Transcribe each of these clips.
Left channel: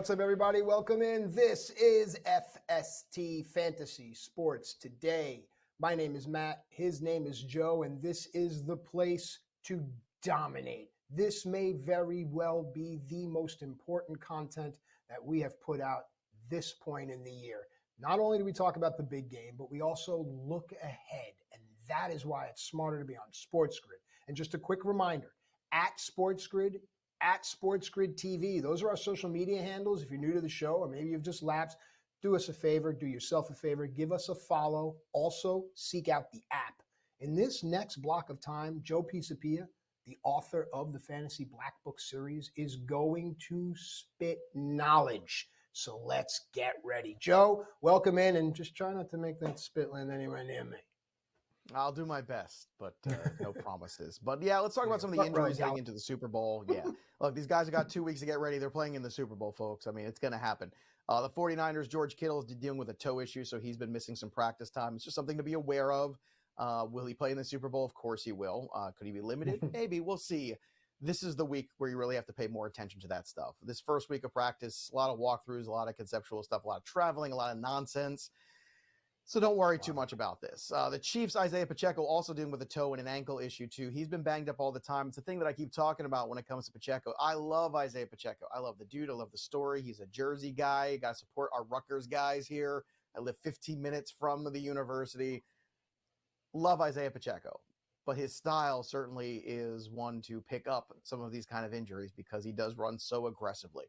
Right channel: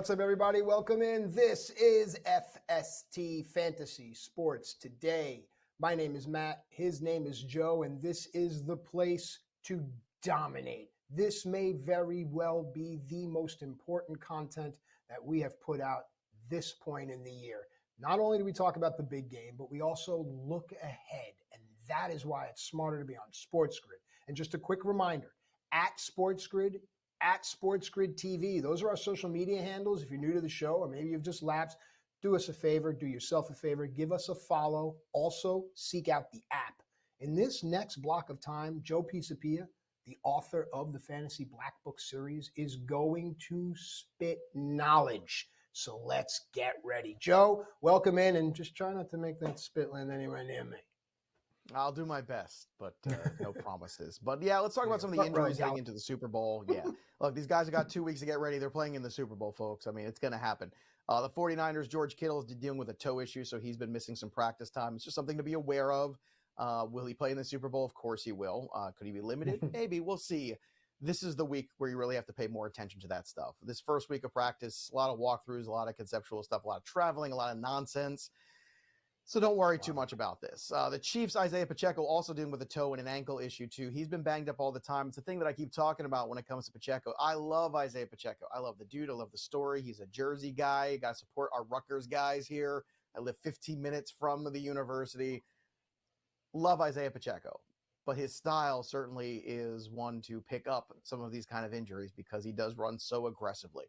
What's up, everybody? Welcome in. This is FST Fantasy Sports Today. My name is Matt. His name is Joe, and this is the place to dominate. This may very well be the most important content that we have put out this point in the year. Not only do we talk about the big game, but we also look ahead, and that is why it's smarter to be on SportsGrid. And just a quick reminder, at SportsGrid TV. Those are our social media handles. If you're new to the show or maybe you've just lapsed, do us a favor, do yourself a favor, give us a follow. Also, seek out the app. In this next block of time, Joe Pisapia, the author of the Fantasy Black Book series, is going to spit knowledge. So let's get ready. Joe, welcome in, and just try not to make that spit land anywhere near me. I'll do my best, but no promises. But yeah, let's talk about some of the injuries heading into the Super Bowl. Yeah, look, these guys have got 2 weeks to get ready. They're playing in the Super Bowl, folks. I mean, it's going to happen. The 49ers, George Kittle is dealing with a toe issue, so he's been missing some practice time. It's just something to be aware of. Will he play in the Super Bowl? Of course he will. Could he be limited? Maybe. We'll see. This is the week where you really have to pay more attention to that stuff. This first week of practice, a lot of walkthroughs, a lot of conceptual stuff, a lot of traveling, a lot of nonsense. So don't worry too much about this. The Chiefs, Isaiah Pacheco, also dealing with a toe and an ankle issue too. He's been banged up all the time. It's a thing that I keep talking about when it comes to Pacheco. I love Isaiah Pacheco. I love the dude. I love the story. He's a Jersey guy. Got to support our Rutgers guys here. I live 15 minutes from the university. Love Isaiah Pacheco. But his style certainly is one to pick up some of these kind of injuries because he does run so aggressively.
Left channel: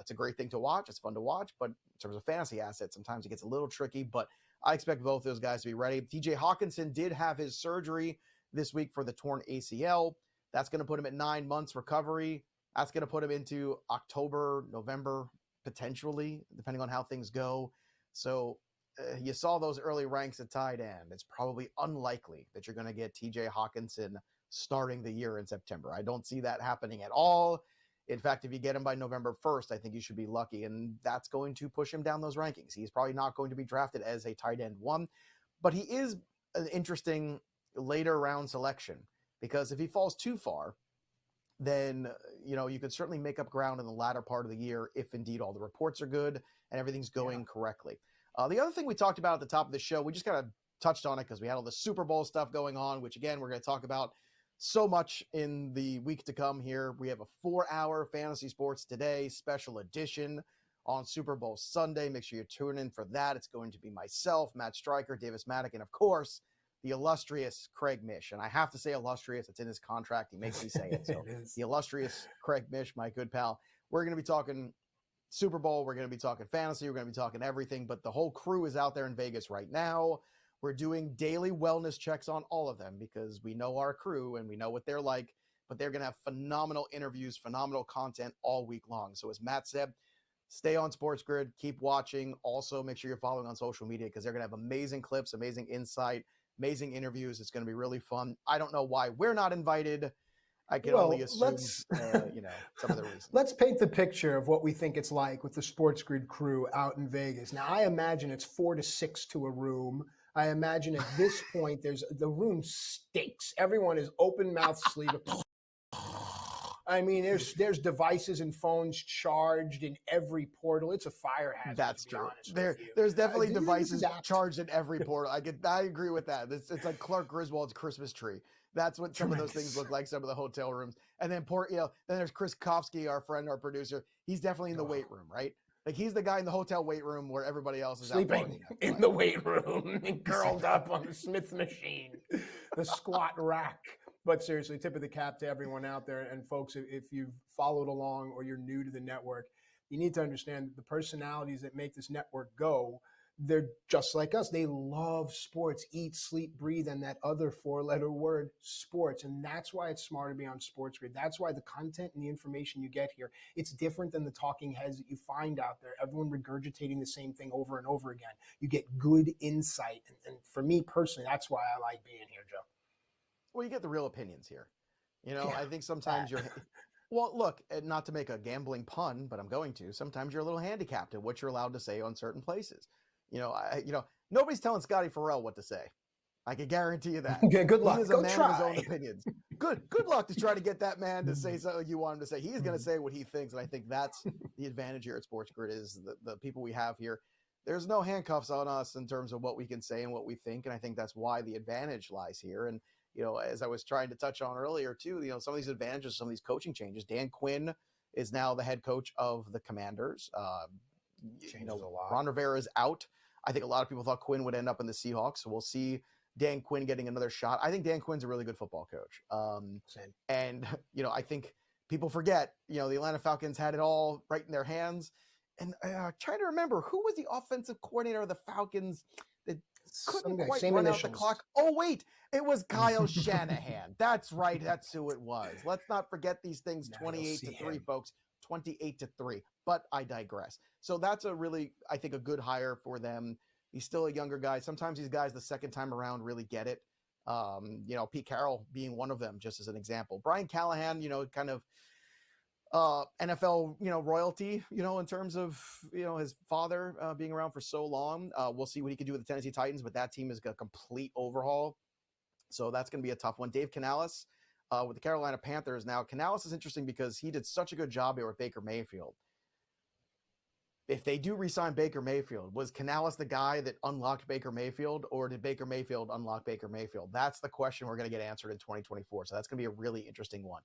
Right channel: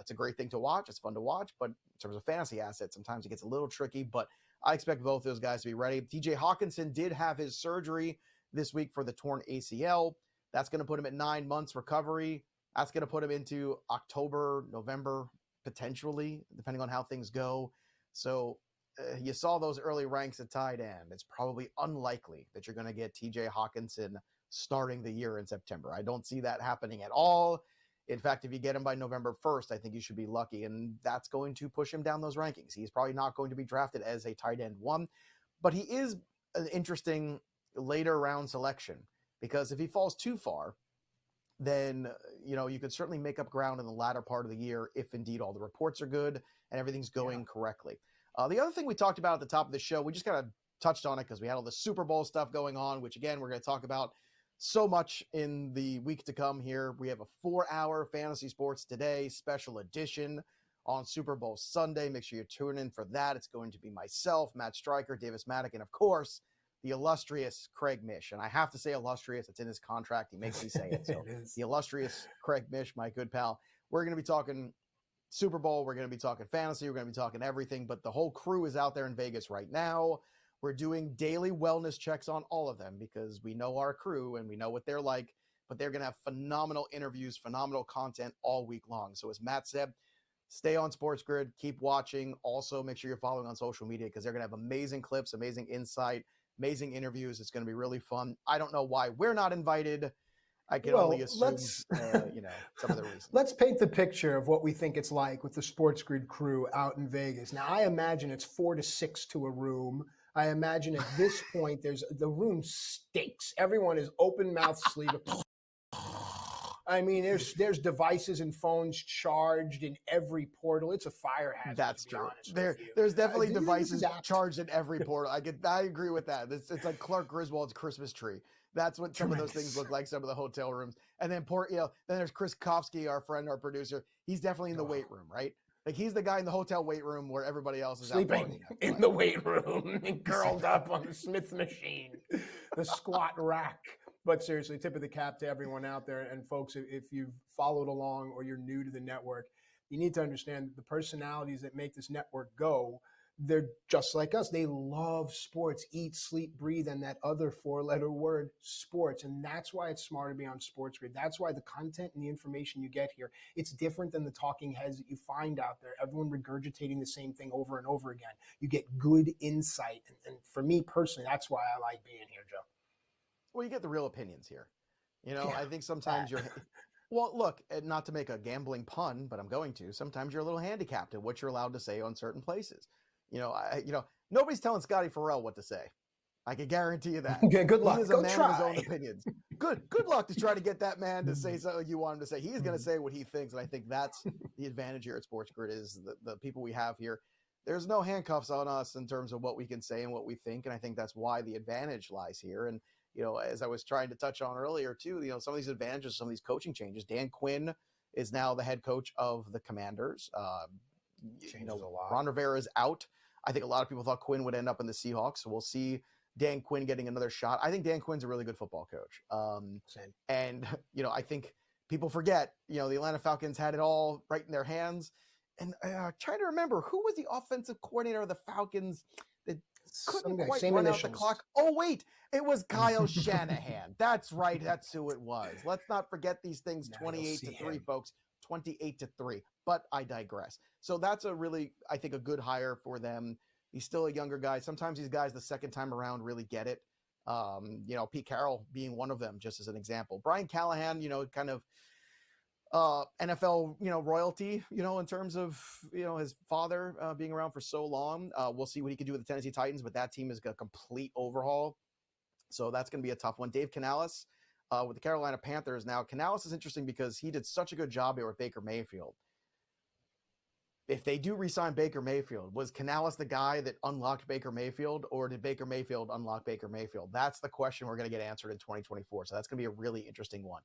It's a great thing to watch. It's fun to watch. But in terms of fantasy assets, sometimes it gets a little tricky. But I expect both those guys to be ready. TJ Hawkinson did have his surgery this week for the torn ACL. That's going to put him at 9 months recovery. That's going to put him into October, November, potentially, depending on how things go. So you saw those early ranks at tight end. It's probably unlikely that you're going to get TJ Hawkinson starting the year in September. I don't see that happening at all. In fact, if you get him by November 1st, I think you should be lucky, and that's going to push him down those rankings. He's probably not going to be drafted as a tight end one, but he is an interesting later round selection because if he falls too far, then, you could certainly make up ground in the latter part of the year if indeed all the reports are good and everything's going correctly. The other thing we talked about at the top of the show, we just kind of touched on it because we had all the Super Bowl stuff going on, which again, we're going to talk about so much in the week to come here. We have a 4-hour Fantasy Sports Today special edition on Super Bowl Sunday. Make sure you tune in for that. It's going to be myself, Matt Striker, Davis Maddock, and of course, the illustrious Craig Mish. And I have to say illustrious. It's in his contract. He makes me say it. So the illustrious Craig Mish, my good pal. We're going to be talking Super Bowl. We're going to be talking fantasy. We're going to be talking everything. But the whole crew is out there in Vegas right now. We're doing daily wellness checks on all of them because we know our crew and we know what they're like, but they're going to have phenomenal interviews, phenomenal content all week long. So as Matt said, stay on SportsGrid, keep watching. Also, make sure you're following on social media because they're going to have amazing clips, amazing insight, amazing interviews. It's going to be really fun. I don't know why we're not invited. I can only assume, some of the reasons. Let's paint the picture of what we think it's like with the SportsGrid crew out in Vegas. Now, I imagine it's 4 to 6 to a room. I imagine at this point, the room stinks. Everyone is open mouth sleep. I mean, there's devices and phones charged in every portal. It's a fire hazard. That's true. There's definitely devices charged in every portal. I agree with that. It's like Clark Griswold's Christmas tree. That's what some of those things look like. Some of the hotel rooms, and then then there's Chris Kofsky, our friend, our producer. He's definitely in the weight room, right? Like he's the guy in the hotel weight room where everybody else is sleeping in the weight room, curled up on the Smith machine, the squat rack. But seriously, tip of the cap to everyone out there. And folks, if you've followed along or you're new to the network, you need to understand the personalities that make this network go. They're just like us. They love sports, eat, sleep, breathe, and that other 4-letter word, sports. And that's why it's smart to be on SportsGrid. That's why the content and the information you get here, it's different than the talking heads that you find out there. Everyone regurgitating the same thing over and over again. You get good insight. And for me personally, that's why I like being here, Joe. Well, you get the real opinions here. I think sometimes well, look, not to make a gambling pun, but I'm going to. Sometimes you're a little handicapped at what you're allowed to say on certain places. Nobody's telling Scotty Farrell what to say. I can guarantee you that. Yeah, good luck. He is a man of his own opinions. good luck to try to get that man to say something you want him to say. He's going to say what he thinks, and I think that's the advantage here at SportsGrid is the people we have here. There's no handcuffs on us in terms of what we can say and what we think, and I think that's why the advantage lies here. And, as I was trying to touch on earlier, too, some of these advantages, some of these coaching changes. Dan Quinn is now the head coach of the Commanders. Ron Rivera is out. I think a lot of people thought Quinn would end up in the Seahawks, so we'll see Dan Quinn getting another shot. I think Dan Quinn's a really good football coach. And, I think people forget, the Atlanta Falcons had it all right in their hands. And trying to remember, who was the offensive coordinator of the Falcons that couldn't quite run out the clock? Oh, wait, it was Kyle Shanahan. That's right. That's who it was. Let's not forget these things. 28-3, folks. 28-3. But I digress. So that's a really, I think, a good hire for them. He's still a younger guy. Sometimes these guys the second time around really get it. Pete Carroll being one of them, just as an example. Brian Callahan, kind of NFL, royalty, in terms of, his father being around for so long. We'll see what he can do with the Tennessee Titans, but that team is a complete overhaul. So that's going to be a tough one. Dave Canales with the Carolina Panthers. Now, Canales is interesting because he did such a good job here with Baker Mayfield. If they do re-sign Baker Mayfield, was Canales the guy that unlocked Baker Mayfield, or did Baker Mayfield unlock Baker Mayfield? That's the question we're going to get answered in 2024. So that's going to be a really interesting one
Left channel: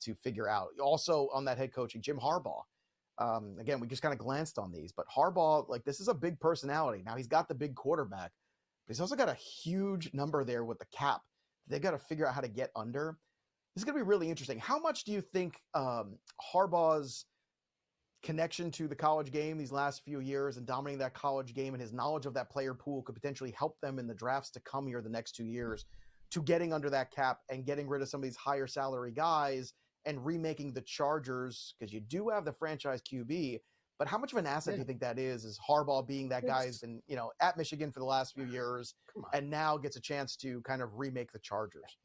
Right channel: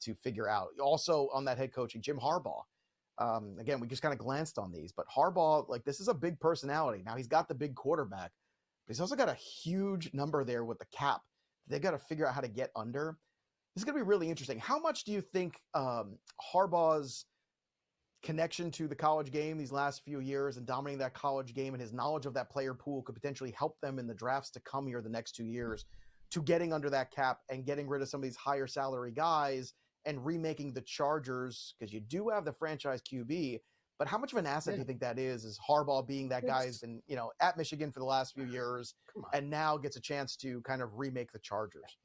to figure out. Also on that head coaching, Jim Harbaugh. Again, we just kind of glanced on these, but Harbaugh, this is a big personality. Now he's got the big quarterback, but he's also got a huge number there with the cap. They've got to figure out how to get under. This is going to be really interesting. How much do you think Harbaugh's connection to the college game these last few years and dominating that college game and his knowledge of that player pool could potentially help them in the drafts to come here the next 2 years to getting under that cap and getting rid of some of these higher salary guys and remaking the Chargers? Because you do have the franchise QB, but how much of an asset do you think that is Harbaugh being that guy who's been, at Michigan for the last few years and now gets a chance to kind of remake the Chargers?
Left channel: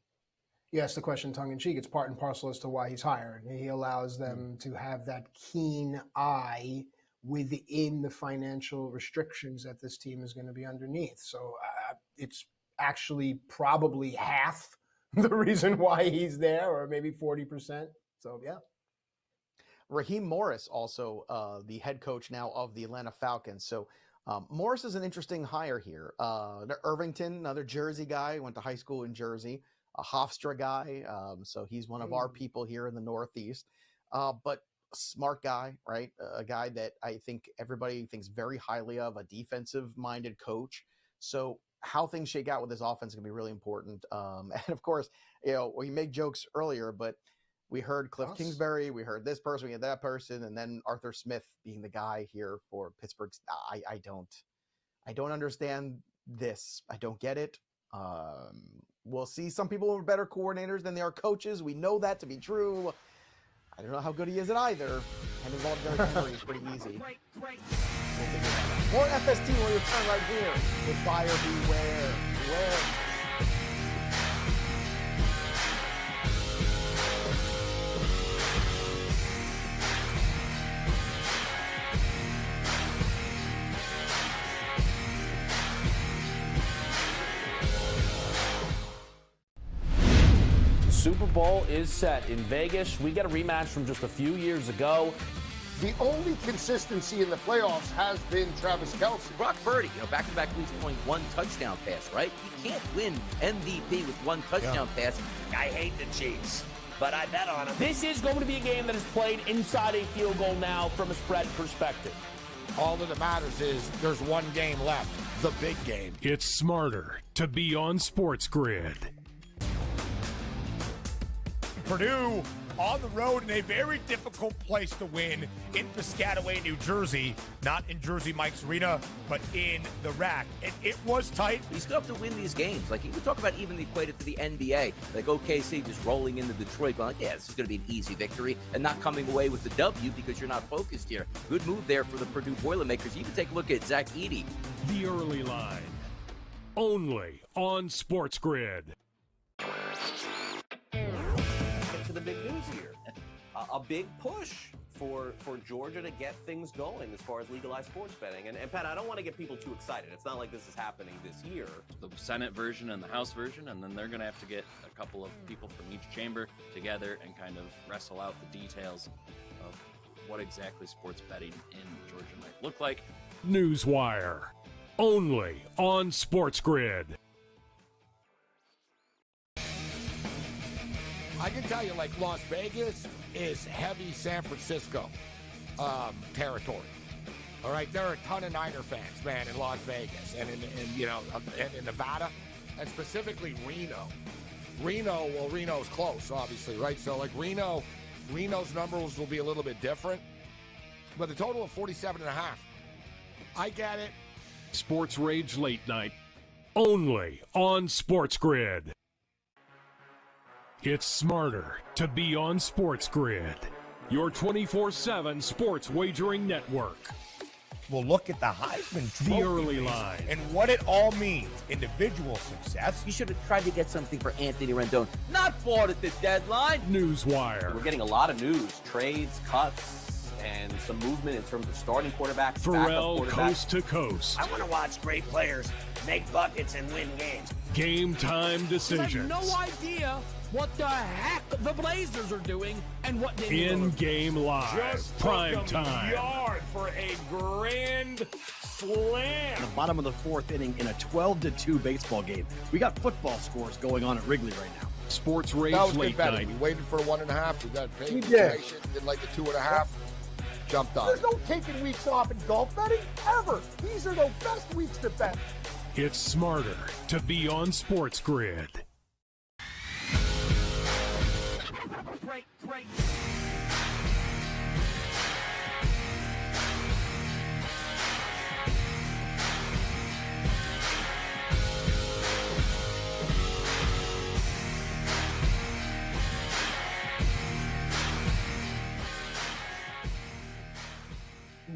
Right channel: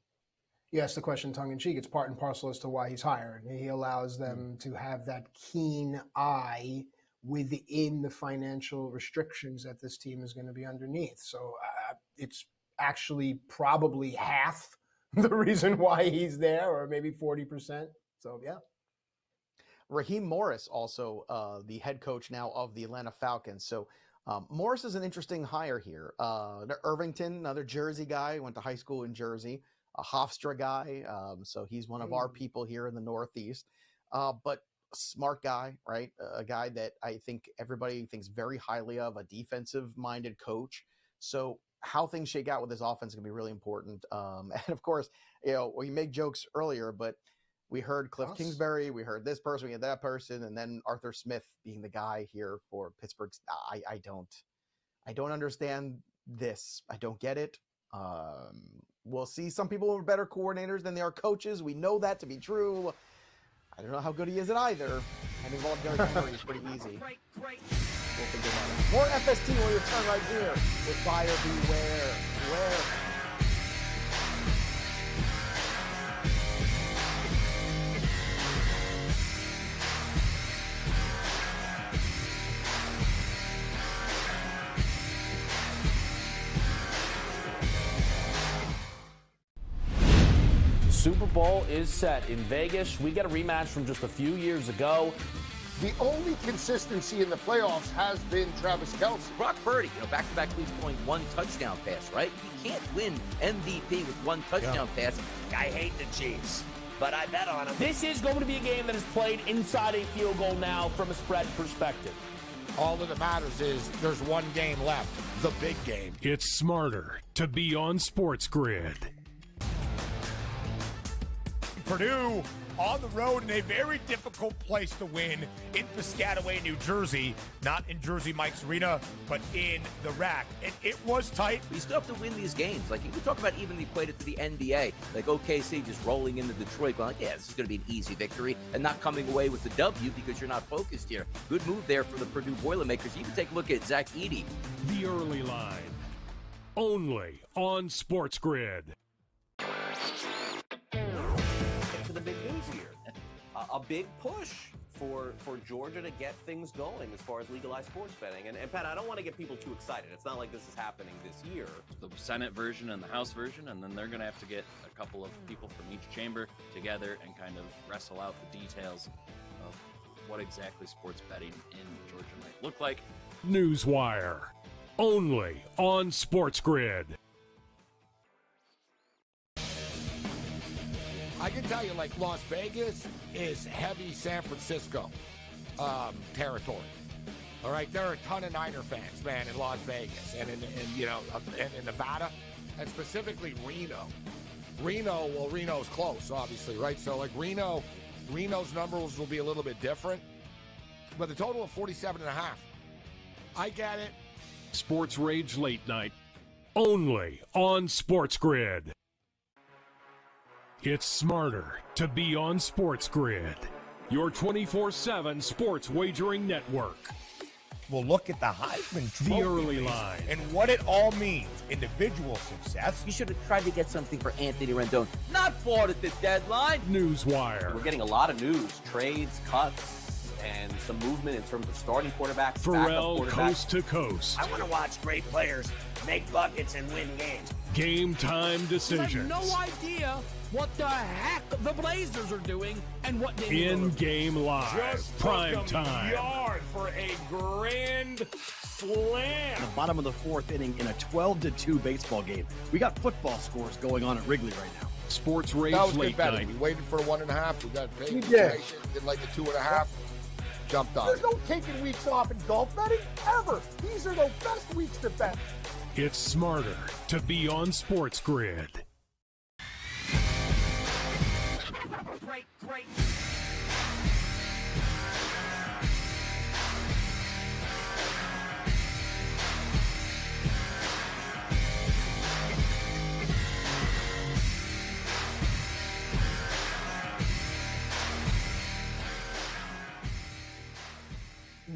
You asked the question tongue-in-cheek. It's part and parcel as to why he's hired. He allows them to have that keen eye within the financial restrictions that this team is going to be underneath. So it's actually probably half the reason why he's there, or maybe 40%. So, yeah. Raheem Morris, also the head coach now of the Atlanta Falcons. So Morris is an interesting hire here. Irvington, another Jersey guy, went to high school in Jersey. A Hofstra guy, so he's one of our people here in the Northeast, but a smart guy, right? A guy that I think everybody thinks very highly of, a defensive-minded coach. So how things shake out with this offense is going to be really important. And, of course, we made jokes earlier, but we heard Cliff Kingsbury, we heard this person, we had that person, and then Arthur Smith being the guy here for Pittsburgh. I don't understand this. I don't get it. We'll see. Some people are better coordinators than they are coaches. We know that to be true. I don't know how good he is at either. I'm involved in Derrick It's pretty easy. We'll figure that out. More FST will return right here with Buyer Beware. Super Bowl is set in Vegas. We get a rematch from just a few years ago. The only consistency in the playoffs has been Travis Kelce. Brock Purdy, back-to-back leads throwing one touchdown pass, right? You can't win MVP with one touchdown pass. I hate the Chiefs, but I bet on them. This is going to be a game that is played inside a field goal now from a spread perspective. All that matters is there's one game left, the big game. It's smarter to be on SportsGrid. Purdue on the road in a very difficult place to win in Piscataway, New Jersey. Not in Jersey Mike's Arena, but in the rack. And it was tight. You still have to win these games. You can talk about even equate it to the NBA. OKC just rolling into Detroit, going, this is going to be an easy victory, and not coming away with the W because you're not focused here. Good move there for the Purdue Boilermakers. You can take a look at Zach Edey. The early line. Only on SportsGrid. To the big news here. A big push for Georgia to get things going as far as legalized sports betting. And Pat, I don't want to get people too excited. It's not like this is happening this year. The Senate version and the House version, and then they're going to have to get a couple of people from each chamber together and kind of wrestle out the details of what exactly sports betting in Georgia might look like. Newswire, only on SportsGrid. I can tell you, like, Las Vegas is heavy San Francisco territory. All right, there are a ton of Niner fans, man, in Las Vegas and in Nevada, and specifically Reno. Reno's close, obviously, right? So, like, Reno's numbers will be a little bit different, but the total of 47.5. I get it. Sports Rage Late Night, only on SportsGrid. It's smarter to be on SportsGrid, your 24/7 sports wagering network. We'll look at the Heisman The Trophy early line. and what it all means. Individual success. You should have tried to get something for Anthony Rendon. Not bought at the deadline. Newswire. We're getting a lot of news, trades, cuts, and some movement in terms of starting quarterbacks, Pharrell backup quarterbacks. coast to coast. I want to watch great players make buckets and win games. Game time decisions. No idea what the heck the Blazers are doing and what they In-game live. Prime time. yard for a grand slam. The bottom of the fourth inning in a 12-2 baseball game. We got football scores going on at Wrigley right now. Sports Rage That was good Late betting. Night. We waited for a 1.5. We got paid We information. Did like a 2.5. Jumped on. There's no taking weeks off in golf betting ever. These are the best weeks to bet. It's smarter to be on SportsGrid.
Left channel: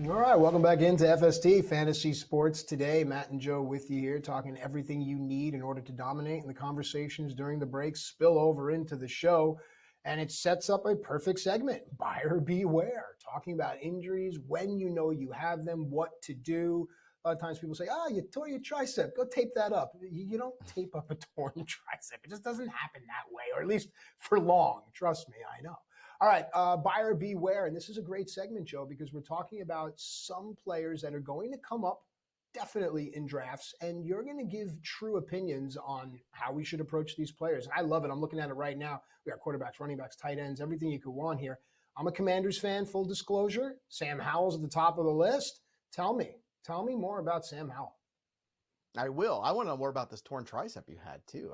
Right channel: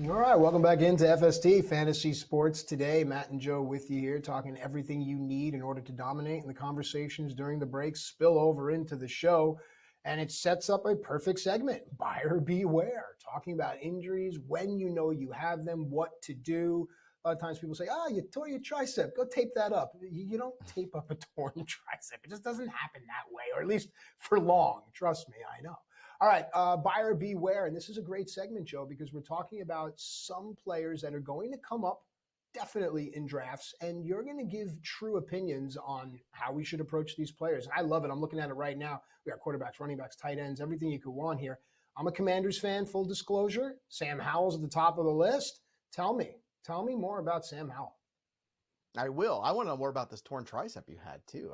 All right, welcome back into FST Fantasy Sports today. Matt and Joe with you here, talking everything you need in order to dominate. And the conversations during the break spill over into the show, and it sets up a perfect segment. Buyer beware, talking about injuries, when you know you have them, what to do. A lot of times people say, you tore your tricep, go tape that up. You don't tape up a torn tricep. It just doesn't happen that way, or at least for long. Trust me, I know. All right, buyer beware. And this is a great segment, Joe, because we're talking about some players that are going to come up definitely in drafts, and you're going to give true opinions on how we should approach these players. I love it. I'm looking at it right now. We got quarterbacks, running backs, tight ends, everything you could want here. I'm a Commanders fan, full disclosure. Sam Howell's at the top of the list. Tell me more about Sam Howell. I will. I want to know more about this torn tricep you had too.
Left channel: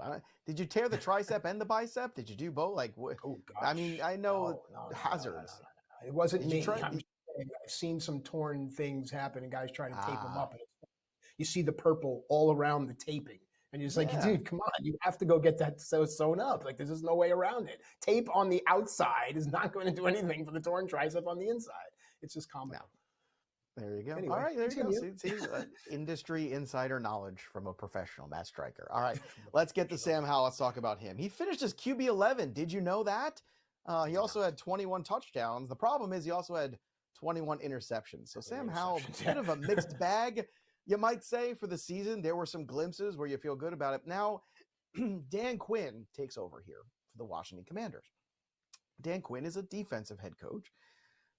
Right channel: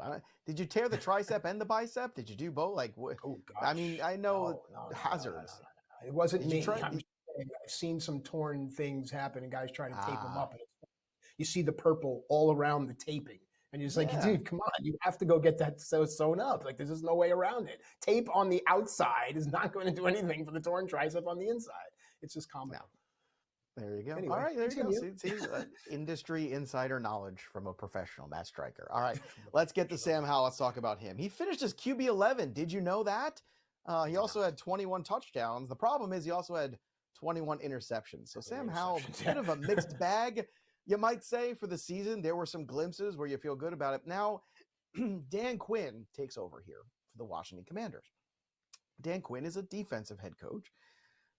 Did you tear the tricep and the bicep? Did you do both? Like, Oh, gosh. I mean, I know No, hazards. It wasn't Did you me. try- I've seen some torn things happen, and guys try to tape them up. And you see the purple all around the taping, and you're just like, dude, come on, you have to go get that sewn up. Like, there's just no way around it. Tape on the outside is not going to do anything for the torn tricep on the inside. It's just comical. No. There you go. Anyway, all right, there you go. continue. See, industry insider knowledge from a professional, Matt Striker. All right, let's get to Sam Howell. Let's talk about him. He finished as QB 11. Did you know that? He also had 21 touchdowns. The problem is he also had 21 interceptions. So Sam Howell, bit of a mixed bag, you might say, for the season. There were some glimpses where you feel good about it. Now, Dan Quinn takes over here for the Washington Commanders. Dan Quinn is a defensive head coach.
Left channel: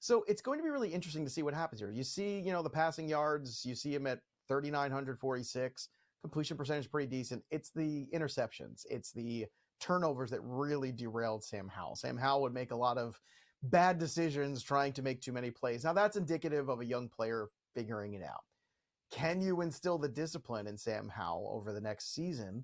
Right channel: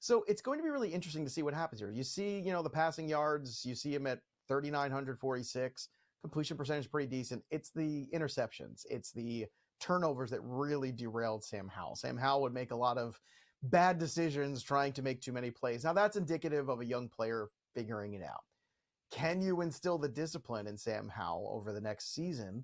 So it's going to be really interesting to see what happens here. You see, the passing yards, you see him at 3,946. Completion percentage pretty decent. It's the interceptions. It's the turnovers that really derailed Sam Howell. Sam Howell would make a lot of bad decisions trying to make too many plays. Now, that's indicative of a young player figuring it out. Can you instill the discipline in Sam Howell over the next season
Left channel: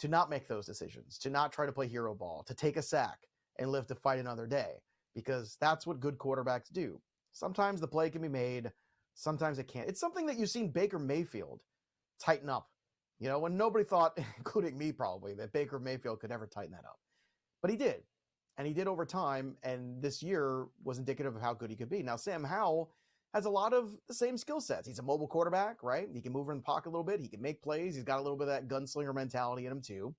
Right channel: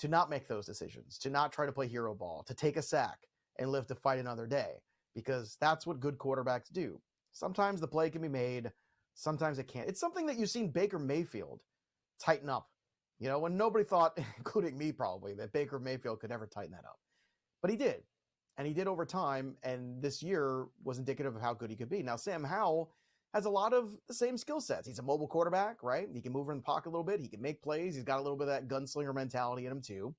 to not make those decisions, to not try to play hero ball, to take a sack and live to fight another day? Because that's what good quarterbacks do. Sometimes the play can be made, sometimes it can't. It's something that you've seen Baker Mayfield tighten up. When nobody thought, including me probably, that Baker Mayfield could ever tighten that up. But he did. And he did over time, and this year was indicative of how good he could be. Now, Sam Howell has a lot of the same skill sets. He's a mobile quarterback, right? He can move in the pocket a little bit. He can make plays. He's got a little bit of that gunslinger mentality in him too.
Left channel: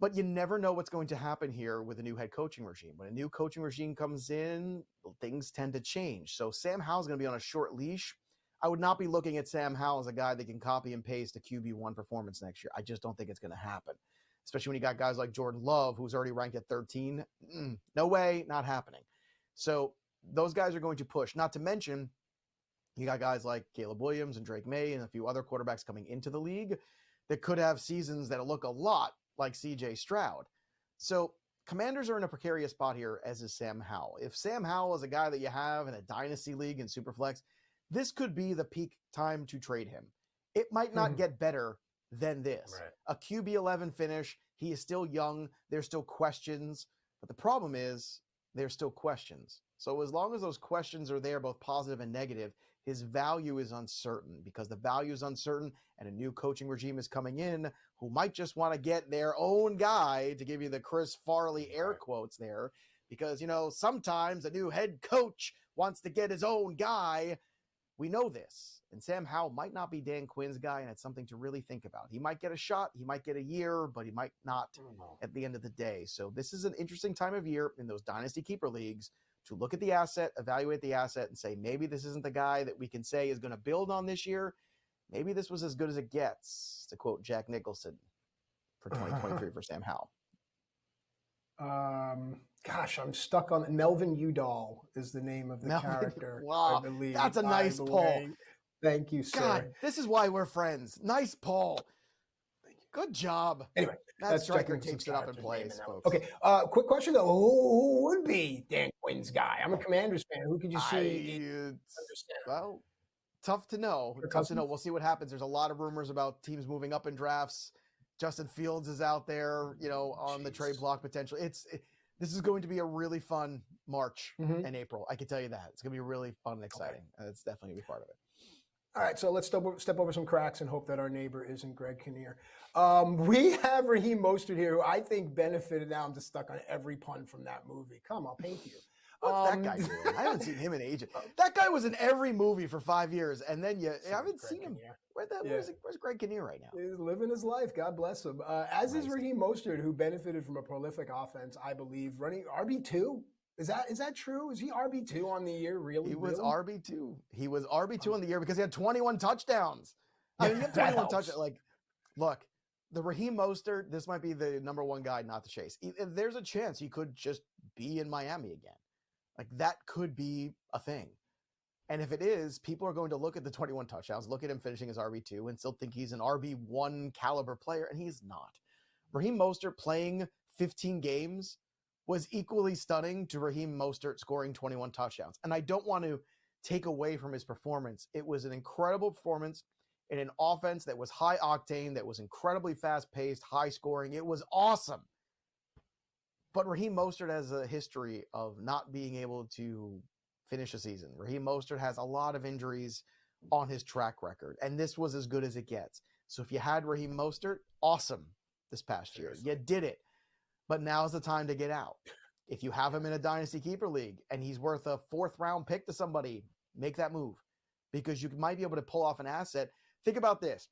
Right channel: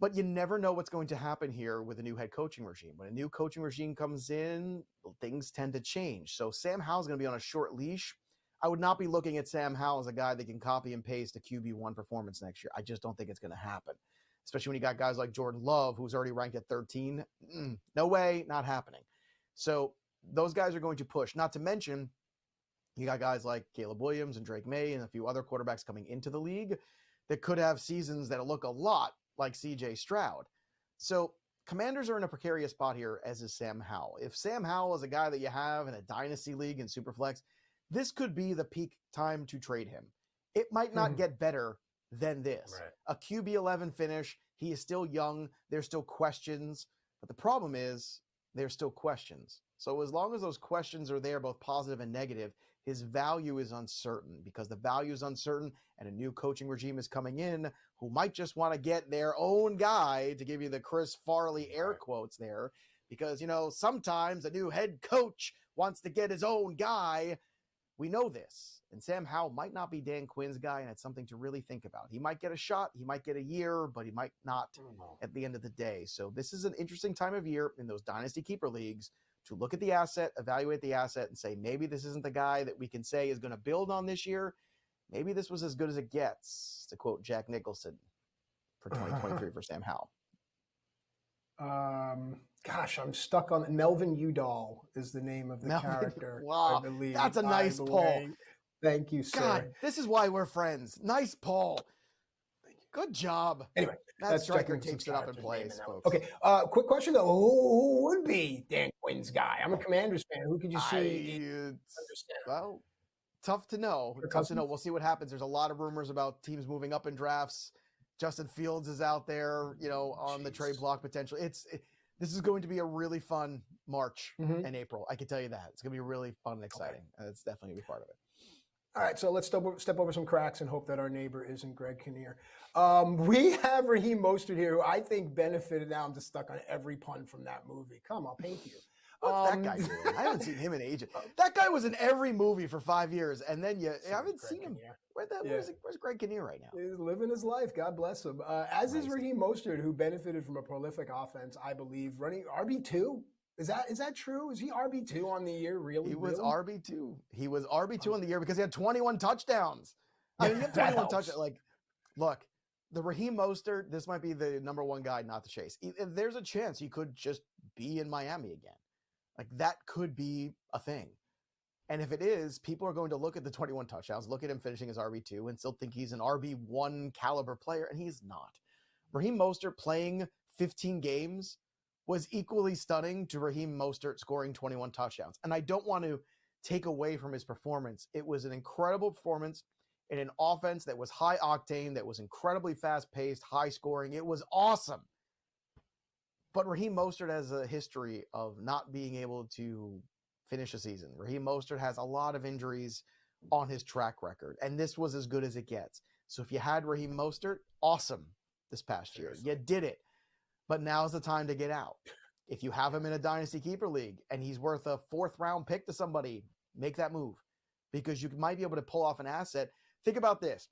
But you never know what's going to happen here with a new head coaching regime. When a new coaching regime comes in, things tend to change. So Sam Howell's going to be on a short leash. I would not be looking at Sam Howell as a guy that can copy and paste a QB1 performance next year. I just don't think it's going to happen, especially when you got guys like Jordan Love, who's already ranked at 13. No way, not happening. So those guys are going to push. Not to mention, you got guys like Caleb Williams and Drake May and a few other quarterbacks coming into the league that could have seasons that look a lot like C.J. Stroud. So Commanders are in a precarious spot here, as is Sam Howell. If Sam Howell is a guy that you have in a dynasty league in Superflex, this could be the peak time to trade him. It might not get better than this. Right. A QB 11 finish, he is still young, there's still questions, but the problem is there's still questions. So as long as those questions are there, both positive and negative, his value is uncertain, because the value is uncertain and a new coaching regime is coming in who might just want to get their own guy, to give you the Chris Farley air quotes there, because, sometimes a new head coach wants to get his own guy. We know this. And Sam Howell might not be Dan Quinn's guy, and it's something to really think about. He might get a shot, he might get a year, but he might not at the end of the day. So this is an interesting time of year in those dynasty keeper leagues to look at the asset, evaluate the asset, and say, maybe this isn't the guy that we can say is going to build on this year. Maybe this was as good as it gets, to quote Jack Nicholson, for 2023 for Sam Howell. Gosh, I'm stuck on Melvin Udall is the name of the character. Wow, I believe. That's a nice poll. Thank you, sir. God, this is why we're friends. Nice poll. Good job. Anyway, that striker takes it up in place, folks. Okay, quick question though: who would be Dan Quinn's guy? I'm a Commanders fan. Who could you see? Well, tough to know. Tough to know. We'll see what happens. There's a lot of rumors about teams moving up in drafts. Justin Fields is out there, on the trade block potentially. This is going to be a really fun March and April. I can tell you that. It's going to be really fun and exciting. Okay. It's definitely going to be part of it. All right, so let's step over some cracks and hope that our neighbor isn't Greg Kinnear. We have Raheem Mostert here, who I think benefited. Now I'm just stuck on every pun from that movie. Come, I'll paint you. What's that guy doing? I haven't seen him in ages. That guy was in every movie for 5 years, and then I haven't seen him. Where's Greg Kinnear right now? He's living his life. God bless him. As is Raheem Mostert, who benefited from a prolific offense, I believe, running RB2. Is that true? Is he RB2 on the year? Really? He was RB2. He was RB2 on the year because he had 21 touchdowns. I mean, he had 21 touchdowns. Look, the Raheem Mostert, this might be the number one guy not to chase. If there's a chance he could just be in Miami again. That could be a thing. And if it is, people are going to look at the 21 touchdowns, look at him finishing as RB2, and still think he's an RB1 caliber player, and he's not. Raheem Mostert playing 15 games was equally stunning to Raheem Mostert scoring 21 touchdowns. And I don't want to take away from his performance. It was an incredible performance in an offense that was high octane, that was incredibly fast-paced, high-scoring. It was awesome. But Raheem Mostert has a history of not being able to finish a season. Raheem Mostert has a lot of injuries on his track record, and this was as good as it gets. So if you had Raheem Mostert, awesome this past year. You did it. But now's the time to get out. If you have him in a Dynasty Keeper League and he's worth a 4th-round pick to somebody, make that move, because you might be able to pull off an asset. Think about this.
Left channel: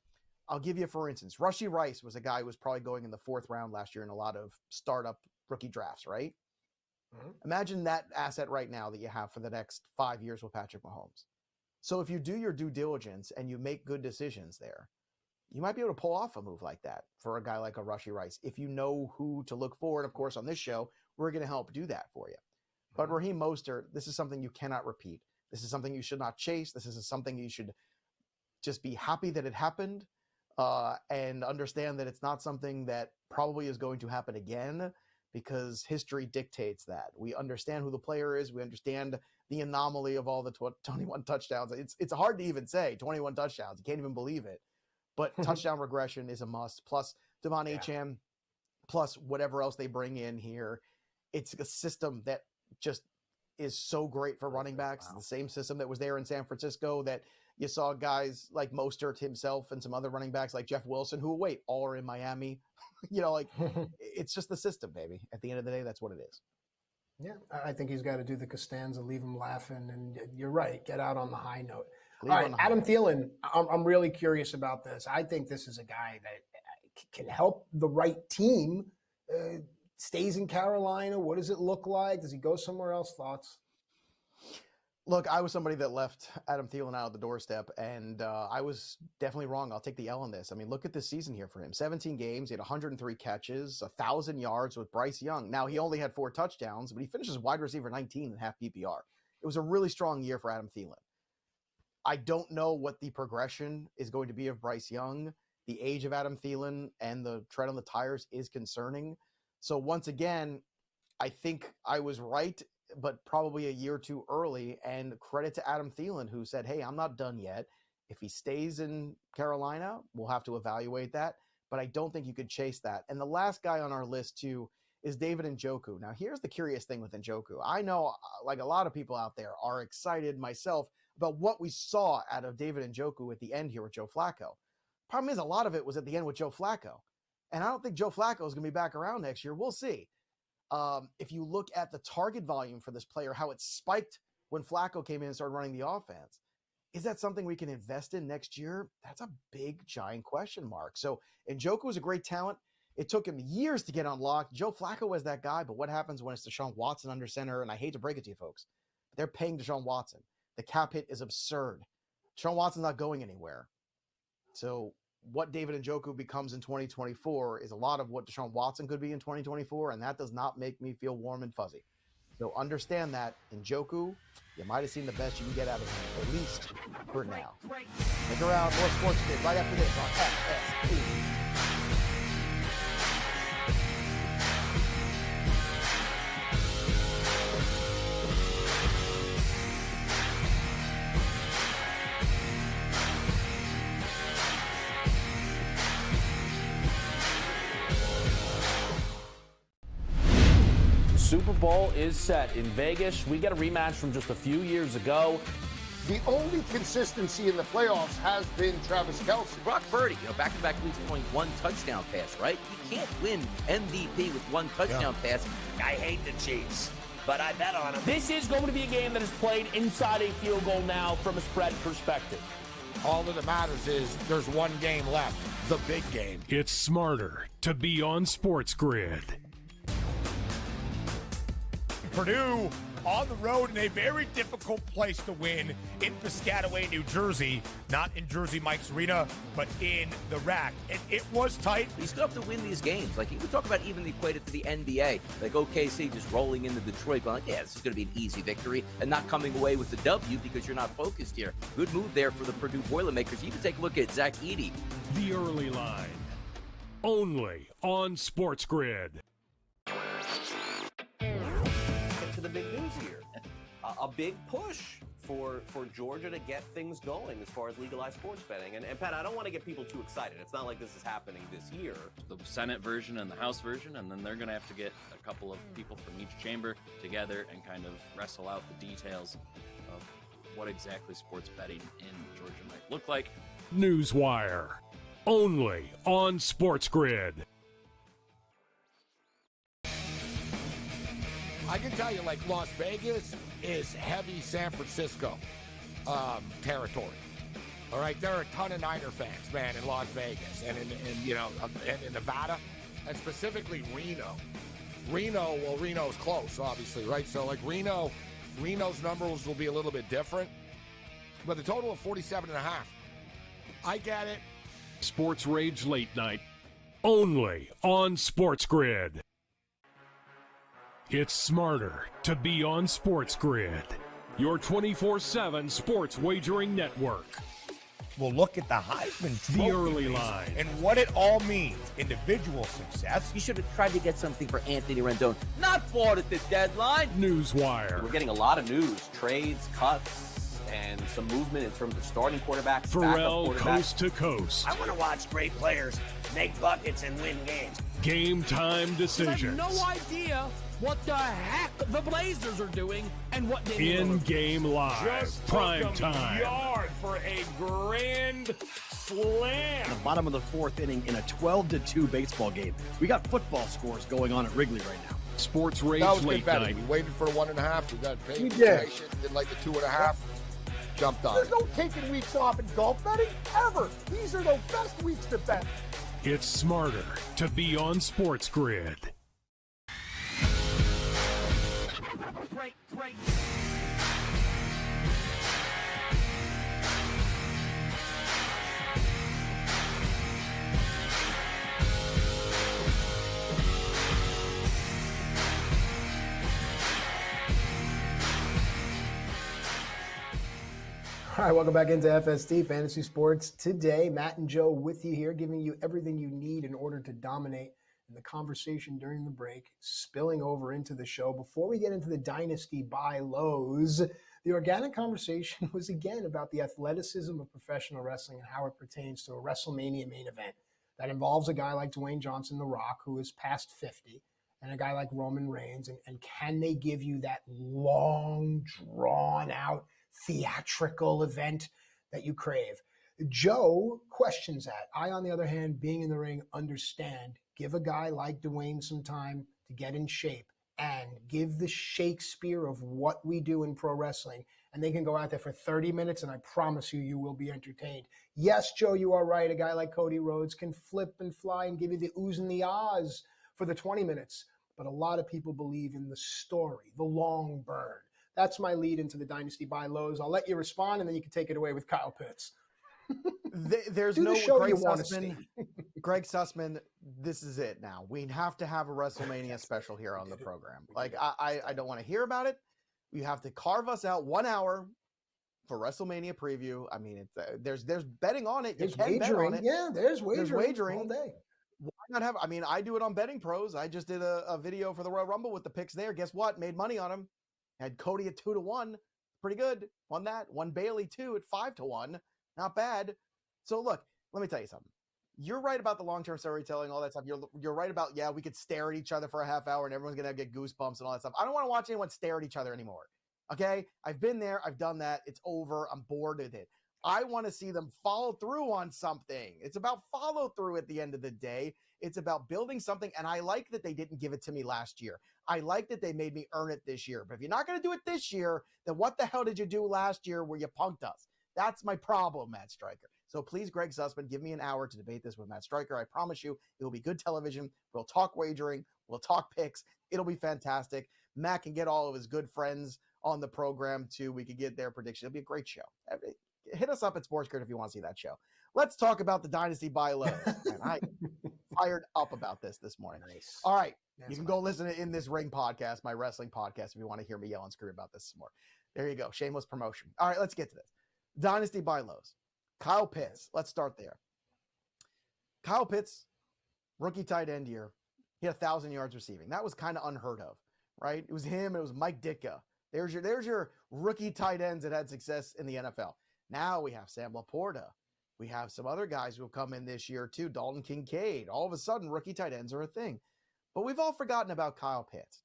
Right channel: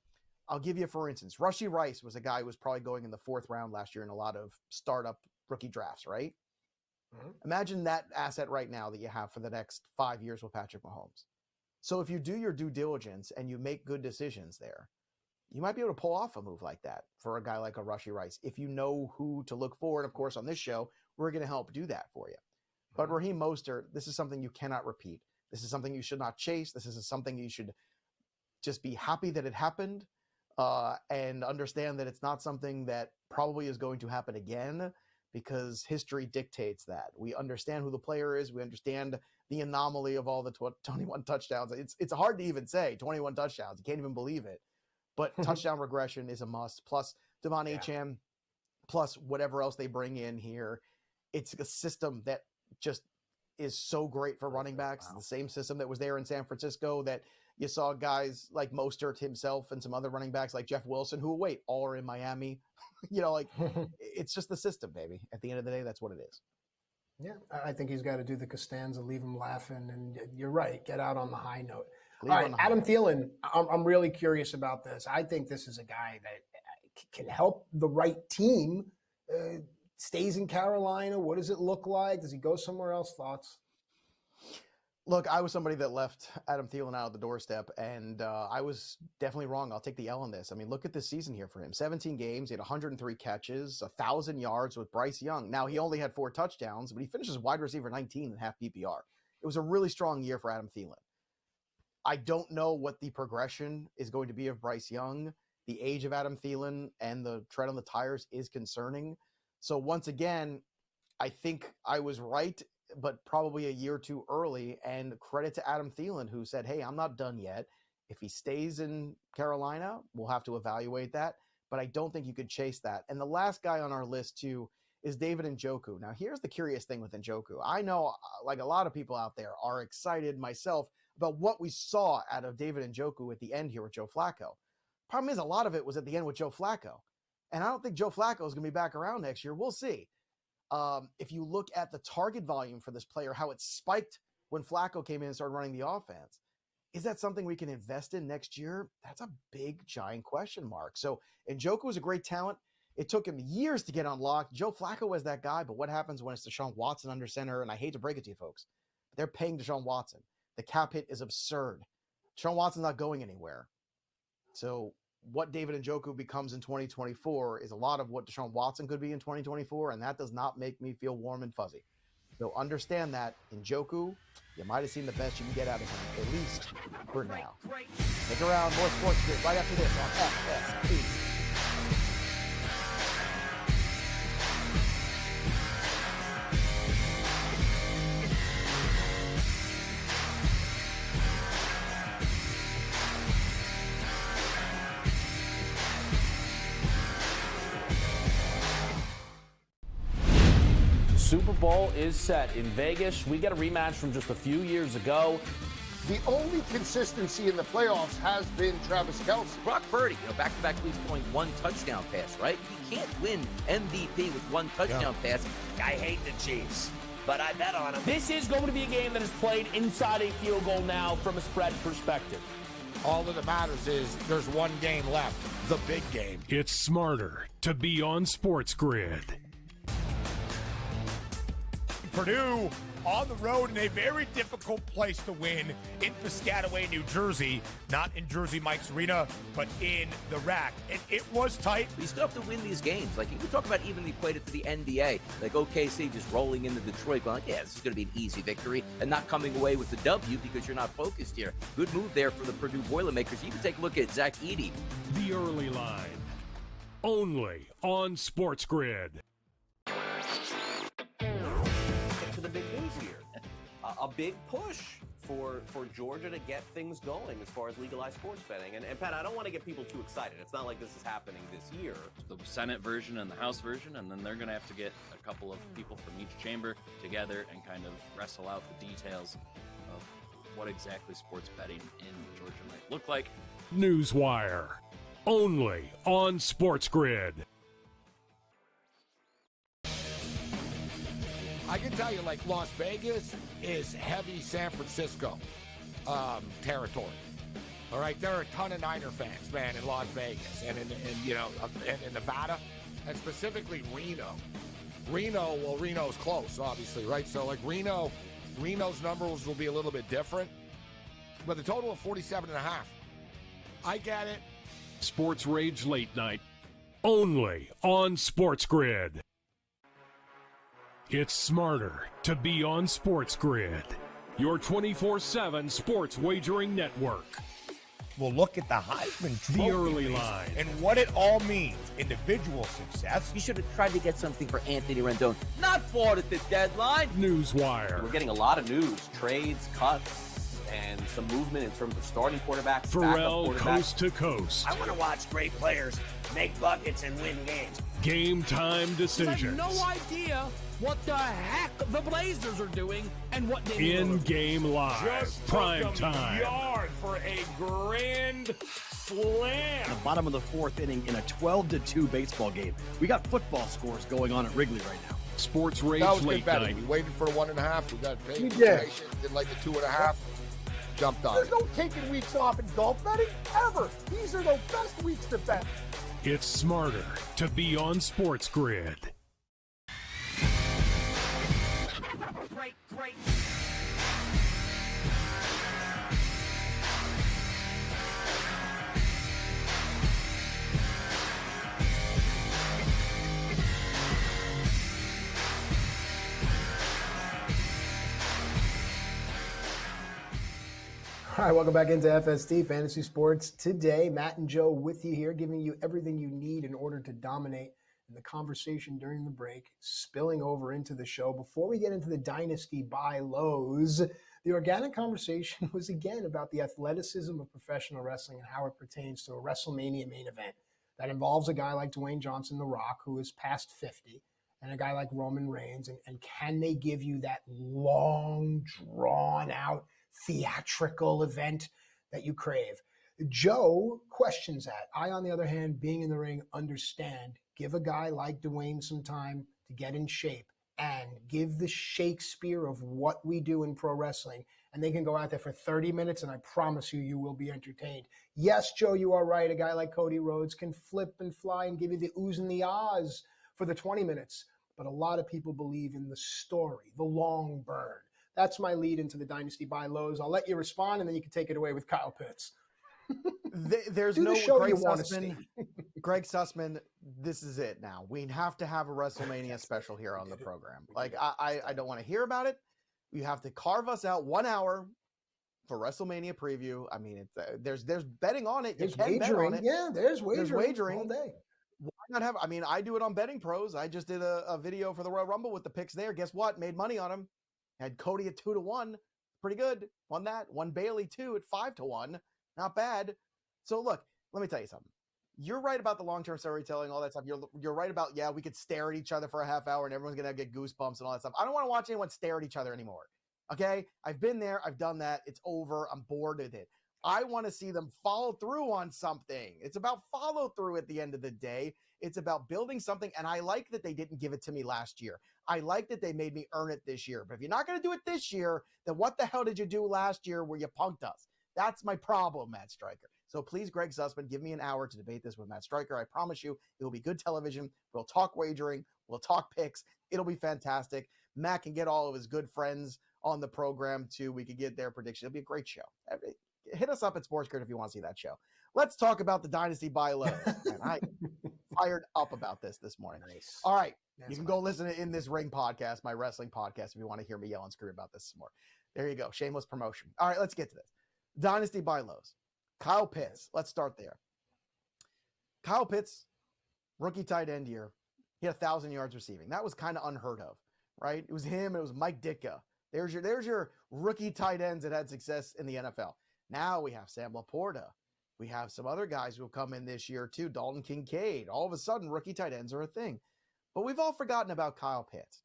I'll give you, for instance, Rashee Rice was a guy who was probably going in the 4th round last year in a lot of startup rookie drafts, right? Imagine that asset right now that you have for the next 5 years with Patrick Mahomes. So if you do your due diligence and you make good decisions there, you might be able to pull off a move like that for a guy like a Rashee Rice. If you know who to look for, and of course on this show, we're going to help do that for you. But Raheem Mostert, this is something you cannot repeat. This is something you should not chase. This is something you should just be happy that it happened and understand that it's not something that probably is going to happen again, because history dictates that. We understand who the player is. We understand the anomaly of all the 21 touchdowns. It's hard to even say 21 touchdowns. You can't even believe it. But touchdown regression is a must. Plus Devon Achane, plus whatever else they bring in here. It's a system that just is so great for running backs. Wow. The same system that was there in San Francisco that you saw guys like Mostert himself and some other running backs like Jeff Wilson, who, all are in Miami. It's just the system, baby. At the end of the day, that's what it is. Yeah, I think he's got to do the Costanza, leave him laughing, and you're right, get out on the high note. All right, Adam Thielen, I'm really curious about this. I think this is a guy that can help the right team stays in Carolina? What does it look like? Does he go somewhere else? Thoughts? Look, I was somebody that left Adam Thielen out of the doorstep, and I was definitely wrong. I'll take the L on this. I mean, look at this season here for him. 17 games, he had 103 catches, 1,000 yards with Bryce Young. Now, he only had 4 touchdowns, but he finishes wide receiver 19 in half PPR. It was a really strong year for Adam Thielen. I don't know what the progression is going to be of Bryce Young. The age of Adam Thielen and the tread on the tires is concerning. So once again, I think I was right, but probably a year too early. And credit to Adam Thielen, who said, hey, I'm not done yet. If he stays in Carolina, we'll have to evaluate that. But I don't think you could chase that. And the last guy on our list, too, is David Njoku. Now, here's the curious thing with Njoku. I know, like a lot of people out there, are excited, myself, about what we saw out of David Njoku at the end here with Joe Flacco. Problem is, a lot of it was at the end with Joe Flacco. And I don't think Joe Flacco is going to be back around next year. We'll see. If you look at the target volume for this player, how it spiked when Flacco came in and started running the offense, is that something we can invest in next year? That's a big, giant question mark. So Njoku was a great talent. It took him years to get unlocked. Joe Flacco was that guy, but what happens when it's Deshaun Watson under center? And I hate to break it to you folks, but they're paying Deshaun Watson. The cap hit is absurd. Deshaun Watson's not going anywhere. So what David Njoku becomes in 2024 is a lot of what Deshaun Watson could be in 2024, and that does not make me feel warm and fuzzy. So understand that Njoku, you might have seen the best you can get out of him, at least for now. Stick around, more SportsGrid right after this on FST. Super Bowl is set in Vegas. We get a rematch from just a few years ago. The only consistency in the playoffs has been Travis Kelce. Brock Purdy, back-to-back weeks throwing 1 touchdown pass, right? You can't win MVP with 1 touchdown pass. I hate the Chiefs, but I bet on them. This is going to be a game that is played inside a field goal now from a spread perspective. All that matters is there's one game left, the big game. It's smarter to be on SportsGrid. Purdue on the road in a very difficult place to win in Piscataway, New Jersey. Not in Jersey Mike's Arena, but in the RAC. It was tight. You still have to win these games. Like, you can talk about even equate it to the NBA. Like OKC just rolling into Detroit going, yeah, this is going to be an easy victory, and not coming away with the W because you're not focused here. Good move there for the Purdue Boilermakers. You can take a look at Zach Edey. The early line. Only on SportsGrid. The big news here. A big push for Georgia to get things going as far as legalized sports betting. And Pat, I don't want to get people too excited. It's not like this is happening this year. The Senate version and the House version, and then they're going to have to get a couple of people from each chamber together and kind of wrestle out the details of what exactly sports betting in Georgia might look like. Newswire. Only on SportsGrid. I can tell you, like, Las Vegas is heavy San Francisco territory. All right, there are a ton of Niner fans, man, in Las Vegas and in Nevada, and specifically Reno. Reno's close, obviously, right? So, like, Reno's numbers will be a little bit different, but the total of 47.5. I get it. Sports Rage Late Night. Only on SportsGrid. It's smarter to be on SportsGrid, your 24/7 sports wagering network. We'll look at the Heisman The early line. and what it all means. Individual success. You should have tried to get something for Anthony Rendon. Not bought at the deadline. Newswire. We're getting a lot of news, trades, cuts, and some movement in terms of starting quarterbacks, Pharrell coast to coast. I want to watch great players make buckets and win games. Game time decisions. I have no idea what the heck the Blazers are doing and what they In-game live. Just Prime time. Yard for a grand slam. The bottom of the 4th inning in a 12-2 baseball game. We got football scores going on at Wrigley right now. Sports Rage That was Late good betting. Night. We waited for the 1.5. We got paid. We did. Did like the 2.5. Jumped on There's it. no taking weeks off in golf betting ever. These are the best weeks to bet. It's smarter to be on SportsGrid. All right, welcome back into FST Fantasy Sports Today. Matt and Joe with you here, giving you everything you need in order to dominate in the conversation during the break, spilling over into the show. Before we get into the dynasty buy lows, the organic conversation was again about the athleticism of professional wrestling and how it pertains to a WrestleMania main event that involves a guy like Dwayne Johnson, The Rock, who is past 50, and a guy like Roman Reigns. And can they give you that long, drawn-out, theatrical event that you crave? Joe questions that. I, on the other hand, being in the ring, understand. Give a guy like Dwayne some time to get in shape and give the Shakespeare of what we do in pro wrestling. And they can go out there for 30 minutes, and I promise you, you will be entertained. Yes, Joe, you are right. A guy like Cody Rhodes can flip and fly and give you the oohs and the ahs for the 20 minutes. But a lot of people believe in the story, the long burn. That's my lead into the dynasty buy lows. I'll let you respond, and then you can take it away with Kyle Pitts. There's Do no the show Greg you want to Sussman. see. Greg Sussman, this is it now. We have to have a WrestleMania special here on the program. Like, I don't want to hear about it. You have to carve us out 1 hour for WrestleMania preview. I mean, there's betting on it. There's You can bet on wagering. it. Yeah, there's wagering all day. Why not have? I mean, I do it on Betting Pros. I just did a video for the Royal Rumble with the picks there. Guess what? Made money on them. Had Cody at 2-1. Pretty good. Won that. Won Bailey too at 5-1. Not bad. So look, let me tell you something. You're right about the long-term storytelling, all that stuff. You're right about, yeah, we could stare at each other for a half hour and everyone's going to get goosebumps and all that stuff. I don't want to watch anyone stare at each other anymore. Okay? I've been there. I've done that. It's over. I'm bored with it. I want to see them follow through on something. It's about follow through at the end of the day. It's about building something. And I like that they didn't give it to me last year. I like that they made me earn it this year. But if you're not going to do it this year, then what the hell did you do last year where you punked us? That's my problem, Matt Striker. So please, Greg Sussman, give me an hour to debate this with Matt Striker. I promise you it will be good television. We'll talk wagering. We'll talk picks. It'll be fantastic. Matt can get all of his good friends on the program, too. We could get their prediction. It'll be a great show. Hit us up at SportsGrid if you want to see that show. Let's talk about the Dynasty buy low. And I fired up about this morning. Nice. All right. You can go listen to In This Ring podcast, my wrestling podcast, if you want to hear me yell and scream about this some more. There you go. Shameless promotion. All right, let's get to this. Dynasty buy lows. Kyle Pitts. Let's start there. Kyle Pitts, rookie tight end year. He had 1,000 yards receiving. That was kind of unheard of, right? It was him. It was Mike Ditka. There's your rookie tight ends that had success in the NFL. Now we have Sam Laporta. We have some other guys who will come in this year too. Dalton Kincaid. All of a sudden, rookie tight ends are a thing. But we've all forgotten about Kyle Pitts.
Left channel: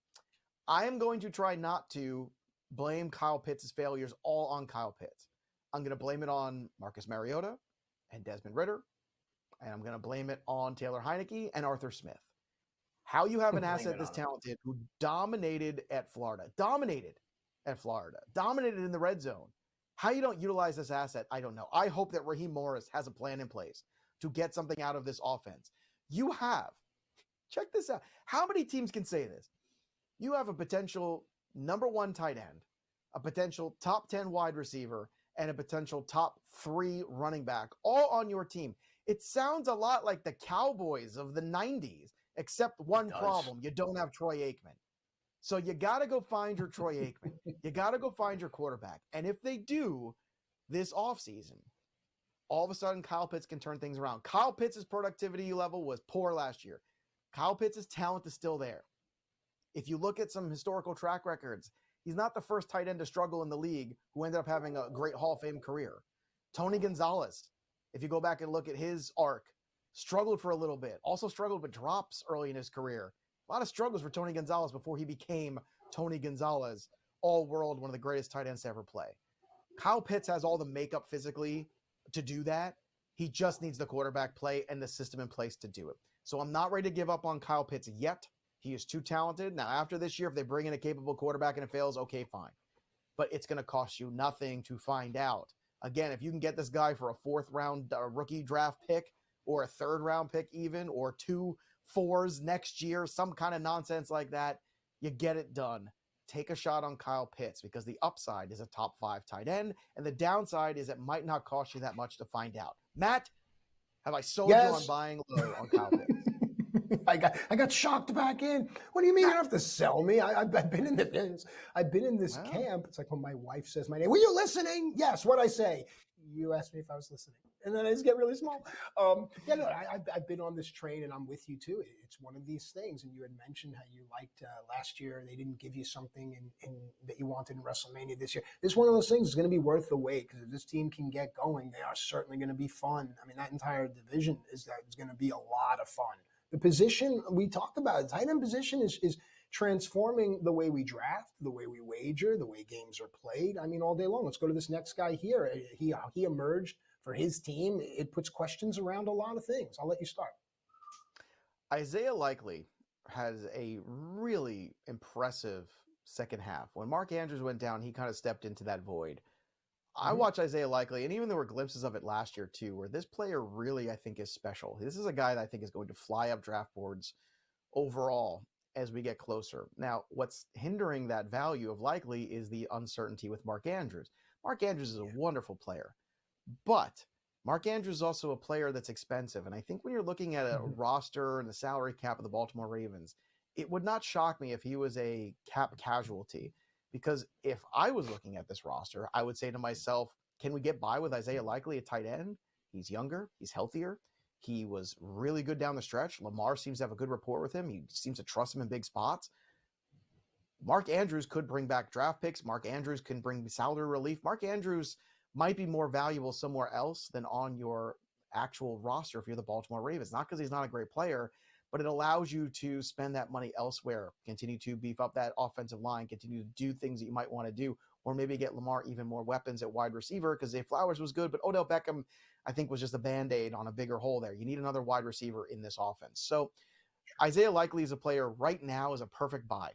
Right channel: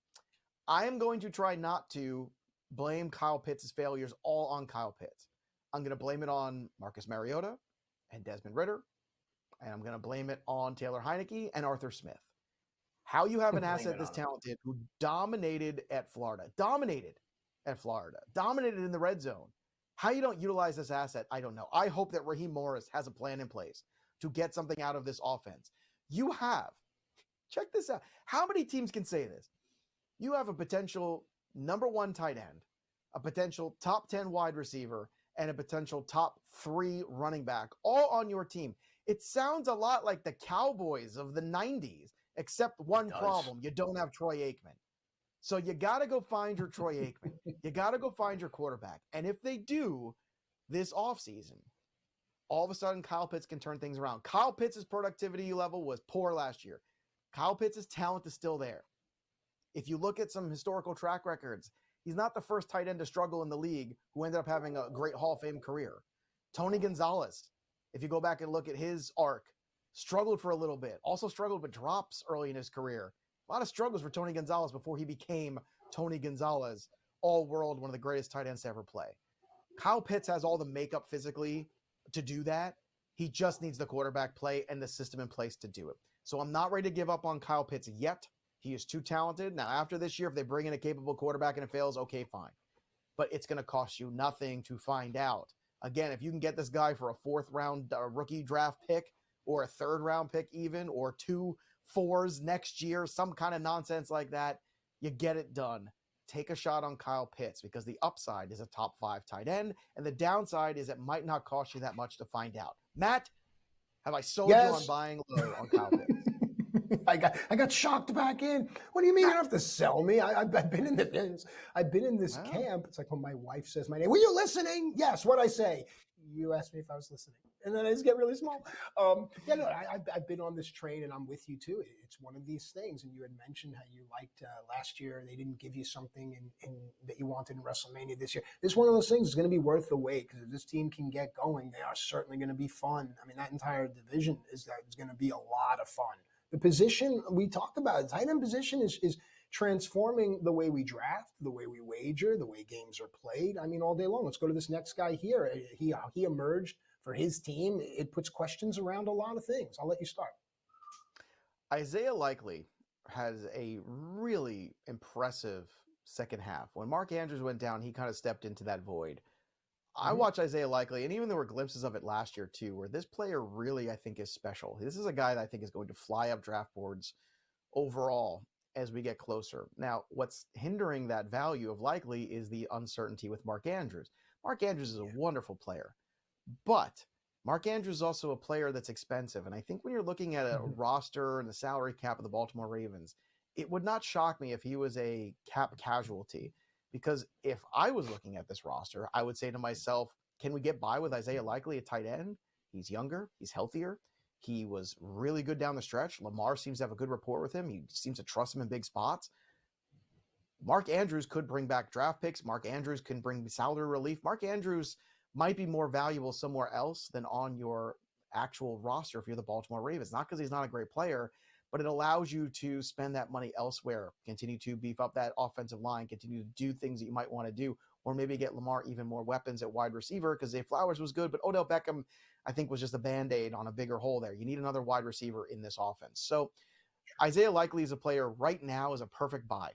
I am going to try not to blame Kyle Pitts' failures all on Kyle Pitts. I'm going to blame it on Marcus Mariota and Desmond Ridder. And I'm going to blame it on Taylor Heineke and Arthur Smith. How you have an asset this talented who dominated at Florida, dominated in the red zone. How you don't utilize this asset, I don't know. I hope that Raheem Morris has a plan in place to get something out of this offense. You have, check this out. How many teams can say this? You have a potential number 1 tight end, a potential top 10 wide receiver, and a potential top 3 running back all on your team. It sounds a lot like the Cowboys of the 90s, except one problem. You don't have Troy Aikman. So you got to go find your Troy Aikman. You got to go find your quarterback. And if they do this offseason, all of a sudden Kyle Pitts can turn things around. Kyle Pitts' productivity level was poor last year. Kyle Pitts' talent is still there. If you look at some historical track records, he's not the first tight end to struggle in the league who ended up having a great Hall of Fame career. Tony Gonzalez, if you go back and look at his arc, struggled for a little bit. Also struggled with drops early in his career. A lot of struggles for Tony Gonzalez before he became Tony Gonzalez, all-world, one of the greatest tight ends to ever play. Kyle Pitts has all the makeup physically to do that. He just needs the quarterback play and the system in place to do it. So I'm not ready to give up on Kyle Pitts yet. He is too talented. Now, after this year, if they bring in a capable quarterback and it fails, okay, fine. But it's going to cost you nothing to find out. Again, if you can get this guy for a 4th-round rookie draft pick or a 3rd-round pick even, or 2 4s next year, some kind of nonsense like that, you get it done. take a shot on Kyle Pitts because the upside is a top 5 tight end, and the downside is it might not cost you that much to find out. Matt, have I sold you on buying low on Kyle Pitts? I got shocked back in. What do you mean you don't have to sell me? I've been in this. I've been in this camp. It's like when my wife says my name. Were you listening? Yes. What I say? You asked me if I was listening, and then I just get really small. I've been on this train, and I'm with you too. It's one of these things. And you had mentioned how you liked last year. They didn't give you something that you wanted in WrestleMania this year. It's one of those things. It's going to be worth the wait because if this team can get going, they are certainly going to be fun. I mean, that entire division is going to be a lot of fun. The position we talked about, the tight end position is transforming the way we draft, the way we wager, the way games are played. I mean, all day long. Let's go to this next guy here. He emerged for his team. It puts questions around a lot of things. I'll let you start. Isaiah Likely has a really impressive second half. When Mark Andrews went down, he kind of stepped into that void. I watch Isaiah Likely, and even there were glimpses of it last year too, where this player really, I think, is special. This is a guy that I think is going to fly up draft boards overall as we get closer. Now, what's hindering that value of Likely is the uncertainty with Mark Andrews. Mark Andrews is a wonderful player, but Mark Andrews is also a player that's expensive. And I think when you're looking at a roster and the salary cap of the Baltimore Ravens, it would not shock me if he was a cap casualty. Because if I was looking at this roster, I would say to myself, can we get by with Isaiah Likely at tight end? He's younger. He's healthier. He was really good down the stretch. Lamar seems to have a good rapport with him. He seems to trust him in big spots. Mark Andrews could bring back draft picks. Mark Andrews can bring salary relief. Mark Andrews might be more valuable somewhere else than on your actual roster if you're the Baltimore Ravens. Not because he's not a great player, but it allows you to spend that money elsewhere, continue to beef up that offensive line, continue to do things that you might want to do, or maybe get Lamar even more weapons at wide receiver because Zay Flowers was good, but Odell Beckham, I think, was just a Band-Aid on a bigger hole there. You need another wide receiver in this offense. So Isaiah Likely is a player right now is a perfect buy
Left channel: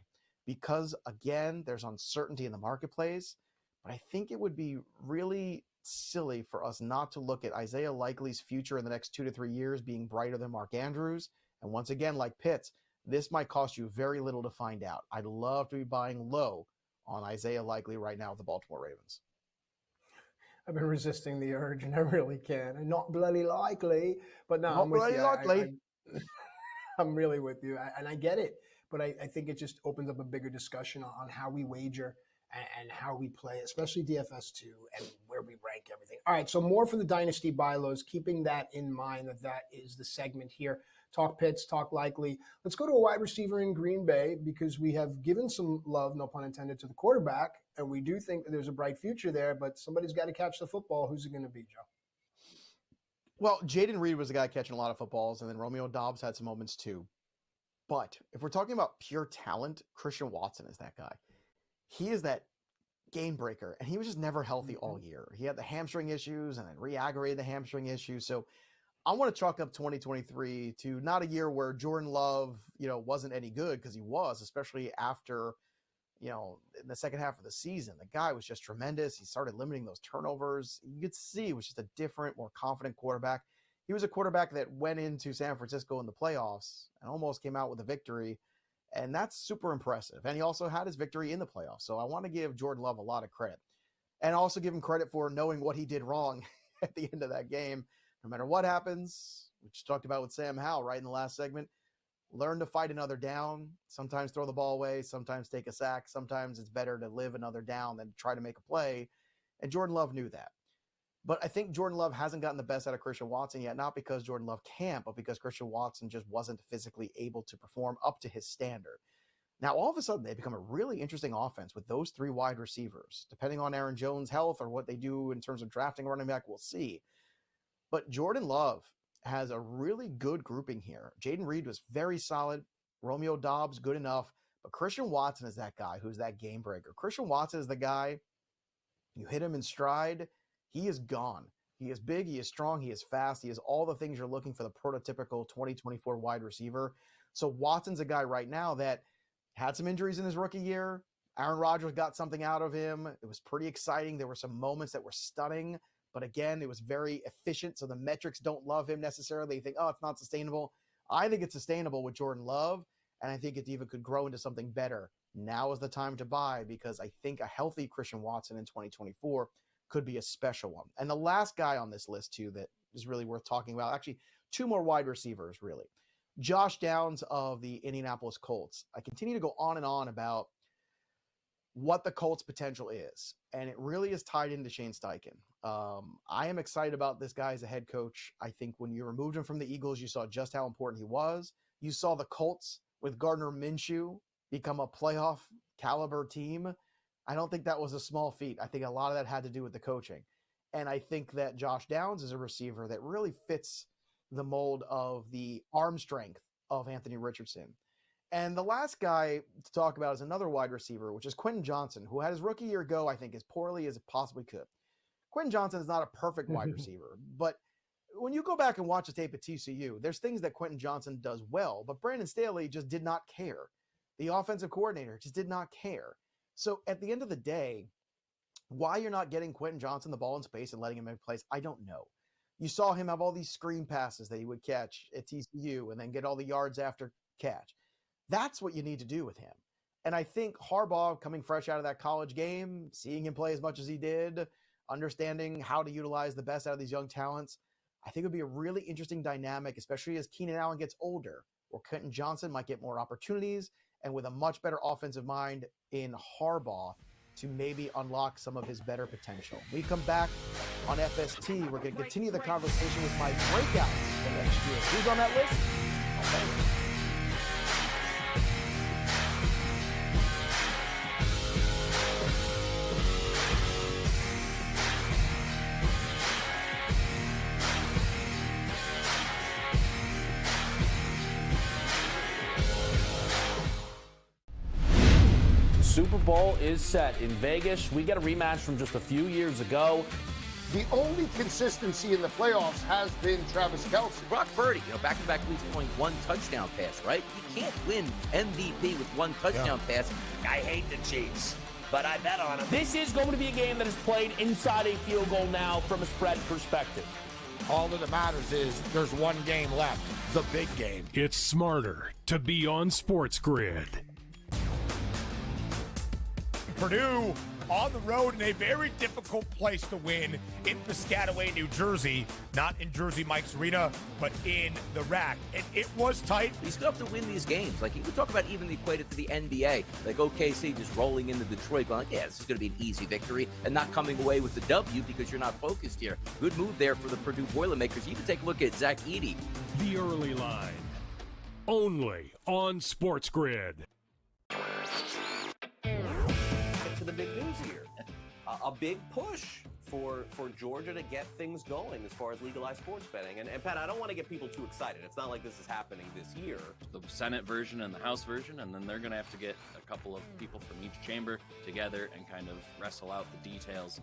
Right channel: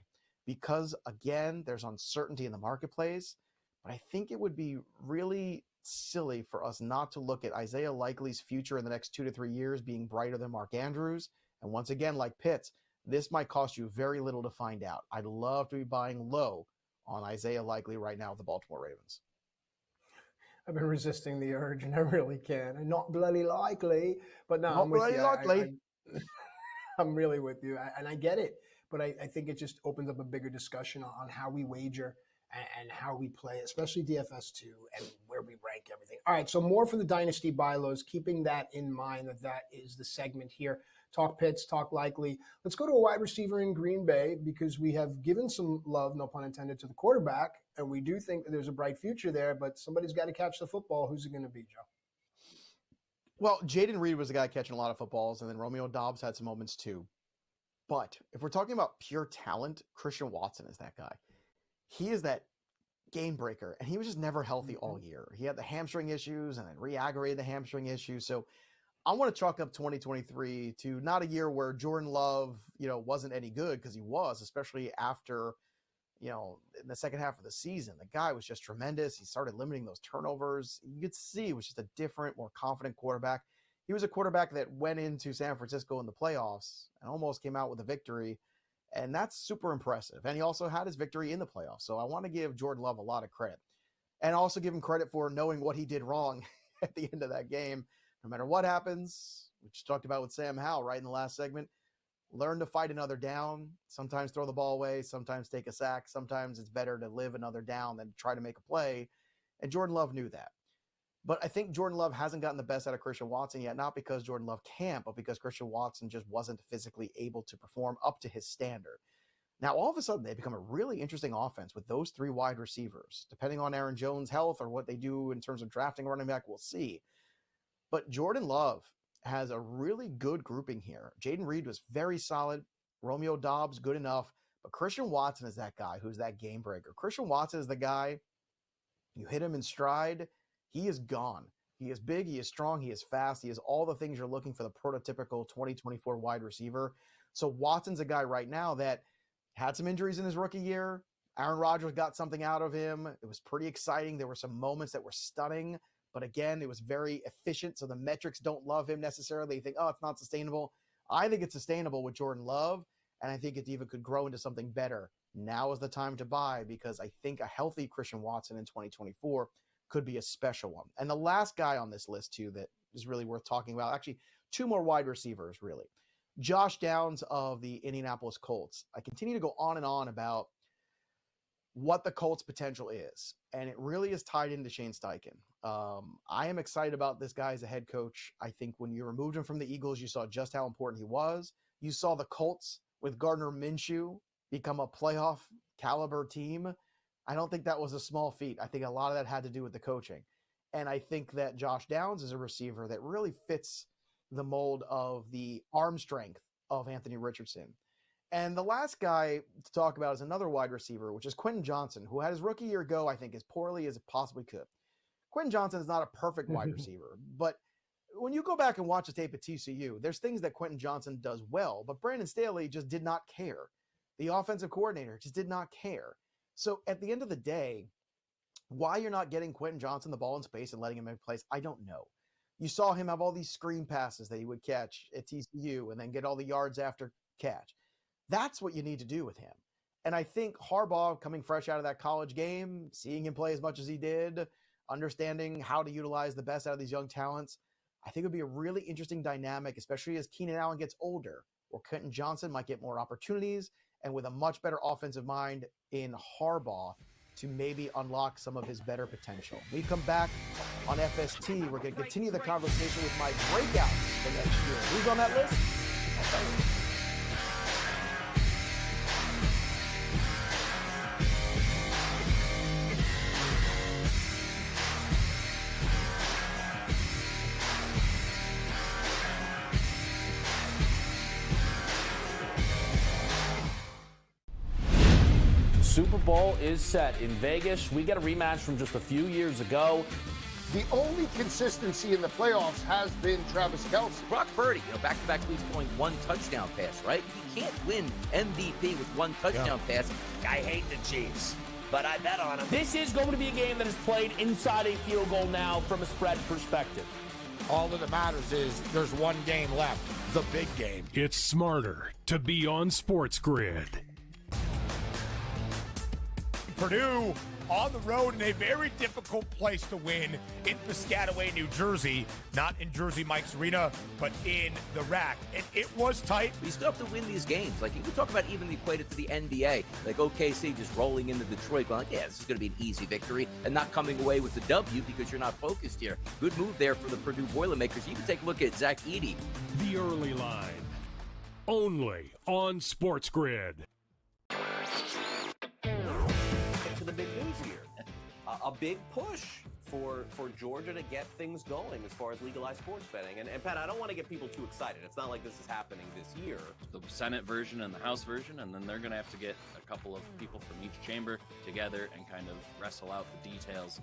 because, again, there's uncertainty in the marketplace, but I think it would be really silly for us not to look at Isaiah Likely's future in the next 2 to 3 years being brighter than Mark Andrews. And once again, like Pitts, this might cost you very little to find out. I'd love to be buying low on Isaiah Likely right now with the Baltimore Ravens. I've been resisting the urge, and I really can. And not bloody likely, but no, Not I'm with bloody you. likely. I'm really with you, and I get it. But I think it just opens up a bigger discussion on how we wager and how we play, especially DFS2 and where we rank everything. All right, so more for the Dynasty buy lows, keeping that in mind that is the segment here. Talk Pitts, talk Likely. Let's go to a wide receiver in Green Bay because we have given some love, no pun intended, to the quarterback, and we do think that there's a bright future there, but somebody's got to catch the football. Who's it going to be, Joe? Well, Jaden Reed was the guy catching a lot of footballs, and then Romeo Doubs had some moments too. But if we're talking about pure talent, Christian Watson is that guy. He is that game breaker, and he was just never healthy all year. He had the hamstring issues and then re-aggravated the hamstring issues. So I want to chalk up 2023 to not a year where Jordan Love, wasn't any good, because he was, especially after, in the second half of the season. The guy was just tremendous. He started limiting those turnovers. You could see it was just a different, more confident quarterback. He was a quarterback that went into San Francisco in the playoffs and almost came out with a victory, and that's super impressive. And he also had his victory in the playoffs. So I want to give Jordan Love a lot of credit, and also give him credit for knowing what he did wrong at the end of that game. No matter what happens, which talked about with Sam Howell right in the last segment, learn to fight another down. Sometimes throw the ball away. Sometimes take a sack. Sometimes it's better to live another down than try to make a play. And Jordan Love knew that. But I think Jordan Love hasn't gotten the best out of Christian Watson yet, not because Jordan Love can't, but because Christian Watson just wasn't physically able to perform up to his standard. Now, all of a sudden, they become a really interesting offense with those 3 wide receivers. Depending on Aaron Jones' health or what they do in terms of drafting a running back, we'll see. But Jordan Love has a really good grouping here. Jaden Reed was very solid. Romeo Doubs, good enough. But Christian Watson is that guy who's that game breaker. Christian Watson is the guy, you hit him in stride, he is gone. He is big, he is strong, he is fast, he is all the things you're looking for the prototypical 2024 wide receiver. So Watson's a guy right now that had some injuries in his rookie year. Aaron Rodgers got something out of him. It was pretty exciting. There were some moments that were stunning. But again, it was very efficient, so the metrics don't love him necessarily. You think, it's not sustainable. I think it's sustainable with Jordan Love. And I think it even could grow into something better. Now is the time to buy, because I think a healthy Christian Watson in 2024 could be a special one. And the last guy on this list, too, that is really worth talking about, actually, two more wide receivers, really. Josh Downs of the Indianapolis Colts. I continue to go on and on about what the Colts' potential is, and it really is tied into Shane Steichen. I am excited about this guy as a head coach. I think when you removed him from the Eagles, you saw just how important he was. You saw the Colts with Gardner Minshew become a playoff caliber team. I don't think that was a small feat. I think a lot of that had to do with the coaching. And I think that Josh Downs is a receiver that really fits the mold of the arm strength of Anthony Richardson. And the last guy to talk about is another wide receiver, which is Quentin Johnson, who had his rookie year go, I think, as poorly as it possibly could. Quentin Johnson is not a perfect wide receiver, but when you go back and watch the tape at TCU, there's things that Quentin Johnson does well, but Brandon Staley just did not care. The offensive coordinator just did not care. So at the end of the day, why you're not getting Quentin Johnson the ball in space and letting him make plays, I don't know. You saw him have all these screen passes that he would catch at TCU and then get all the yards after catch. That's what you need to do with him. And I think Harbaugh, coming fresh out of that college game, seeing him play as much as he did, understanding how to utilize the best out of these young talents, I think it would be a really interesting dynamic, especially as Keenan Allen gets older, where Quentin Johnson might get more opportunities, and with a much better offensive mind in Harbaugh to maybe unlock some of his better potential. When we come back on FST, we're going to continue the conversation with my breakout for next year. Who's on that list? I'll tell you. Super Bowl is set in Vegas. We get a rematch from just a few years ago. The only consistency in the playoffs has been Travis Kelce. Brock Purdy, back-to-back weeks throwing one touchdown pass, right? You can't win MVP with one touchdown pass. I hate the Chiefs, but I bet on them. This is going to be a game that is played inside a field goal now from a spread perspective. All that matters is there's one game left, the big game. It's smarter to be on SportsGrid. Purdue on the road in a very difficult place to win in Piscataway, New Jersey. Not in Jersey Mike's Arena, but in the rack. And it was tight. You still have to win these games. Like, you can talk about even equate it to the NBA. Like OKC just rolling into Detroit going, yeah, this is going to be an easy victory, and not coming away with the W because you're not focused here. Good move there for the Purdue Boilermakers. You can take a look at Zach Edey. The early line. Only on SportsGrid. To the big news here. A big push for Georgia to get things going as far as legalized sports betting. And Pat, I don't want to get people too excited. It's not like this is happening this year. The Senate version and the House version, and then they're going to have to get a couple of people from each chamber together and kind of wrestle out the details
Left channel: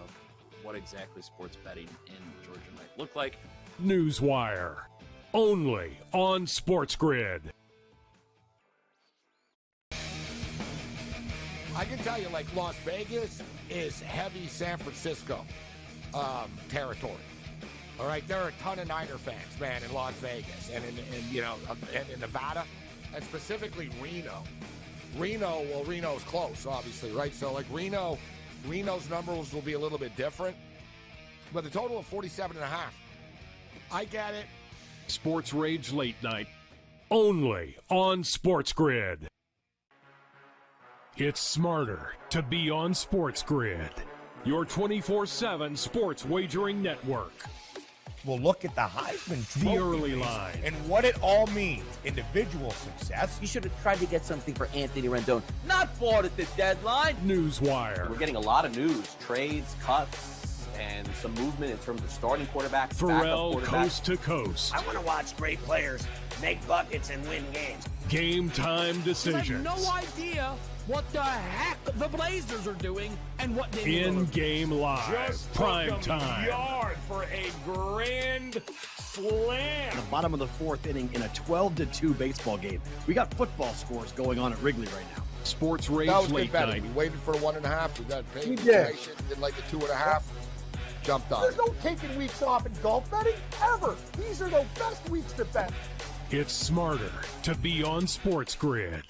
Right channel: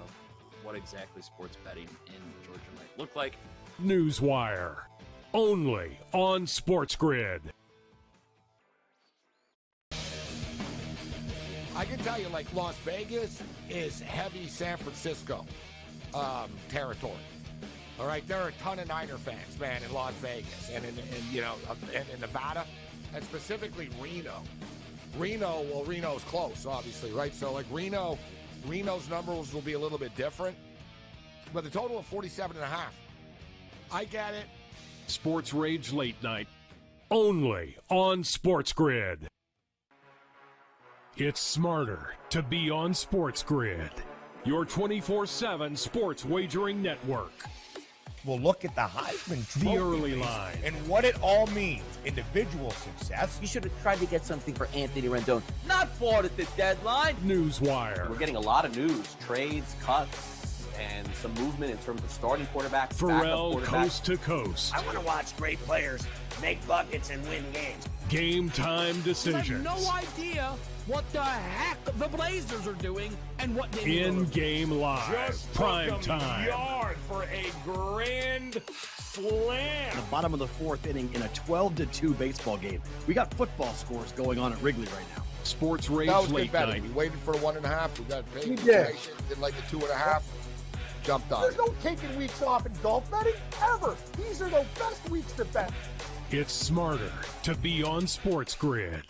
of what exactly sports betting in Georgia might look like. Newswire. Only on SportsGrid. I can tell you, like, Las Vegas is heavy San Francisco territory. All right, there are a ton of Niner fans, man, in Las Vegas and in Nevada, and specifically Reno. Reno's close, obviously, right? So, like, Reno's numbers will be a little bit different, but a total of 47.5. I get it. Sports Rage Late Night. Only on SportsGrid. It's smarter to be on SportsGrid, your 24/7 sports wagering network. We'll look at the Heisman The Trophy early line. and what it all means. Individual success. You should have tried to get something for Anthony Rendon. Not bought at the deadline. Newswire. We're getting a lot of news, trades, cuts, and some movement in terms of starting quarterbacks, Pharrell backup quarterbacks. coast to coast. I want to watch great players make buckets and win games. Game time I decisions. have no idea what the heck the Blazers are doing and what they do. In-game live. Just Prime took 'em time. yard for a grand slam. The bottom of the fourth inning in a 12-2 baseball game. We got football scores going on at Wrigley right now. Sports Rage That was Late good betting. Night. We waited for the 1.5. We got paid We did. information. Didn't like the 2.5. Jumped on There's it. no taking weeks off in golf betting ever. These are the best weeks to bet. It's smarter to be on SportsGrid.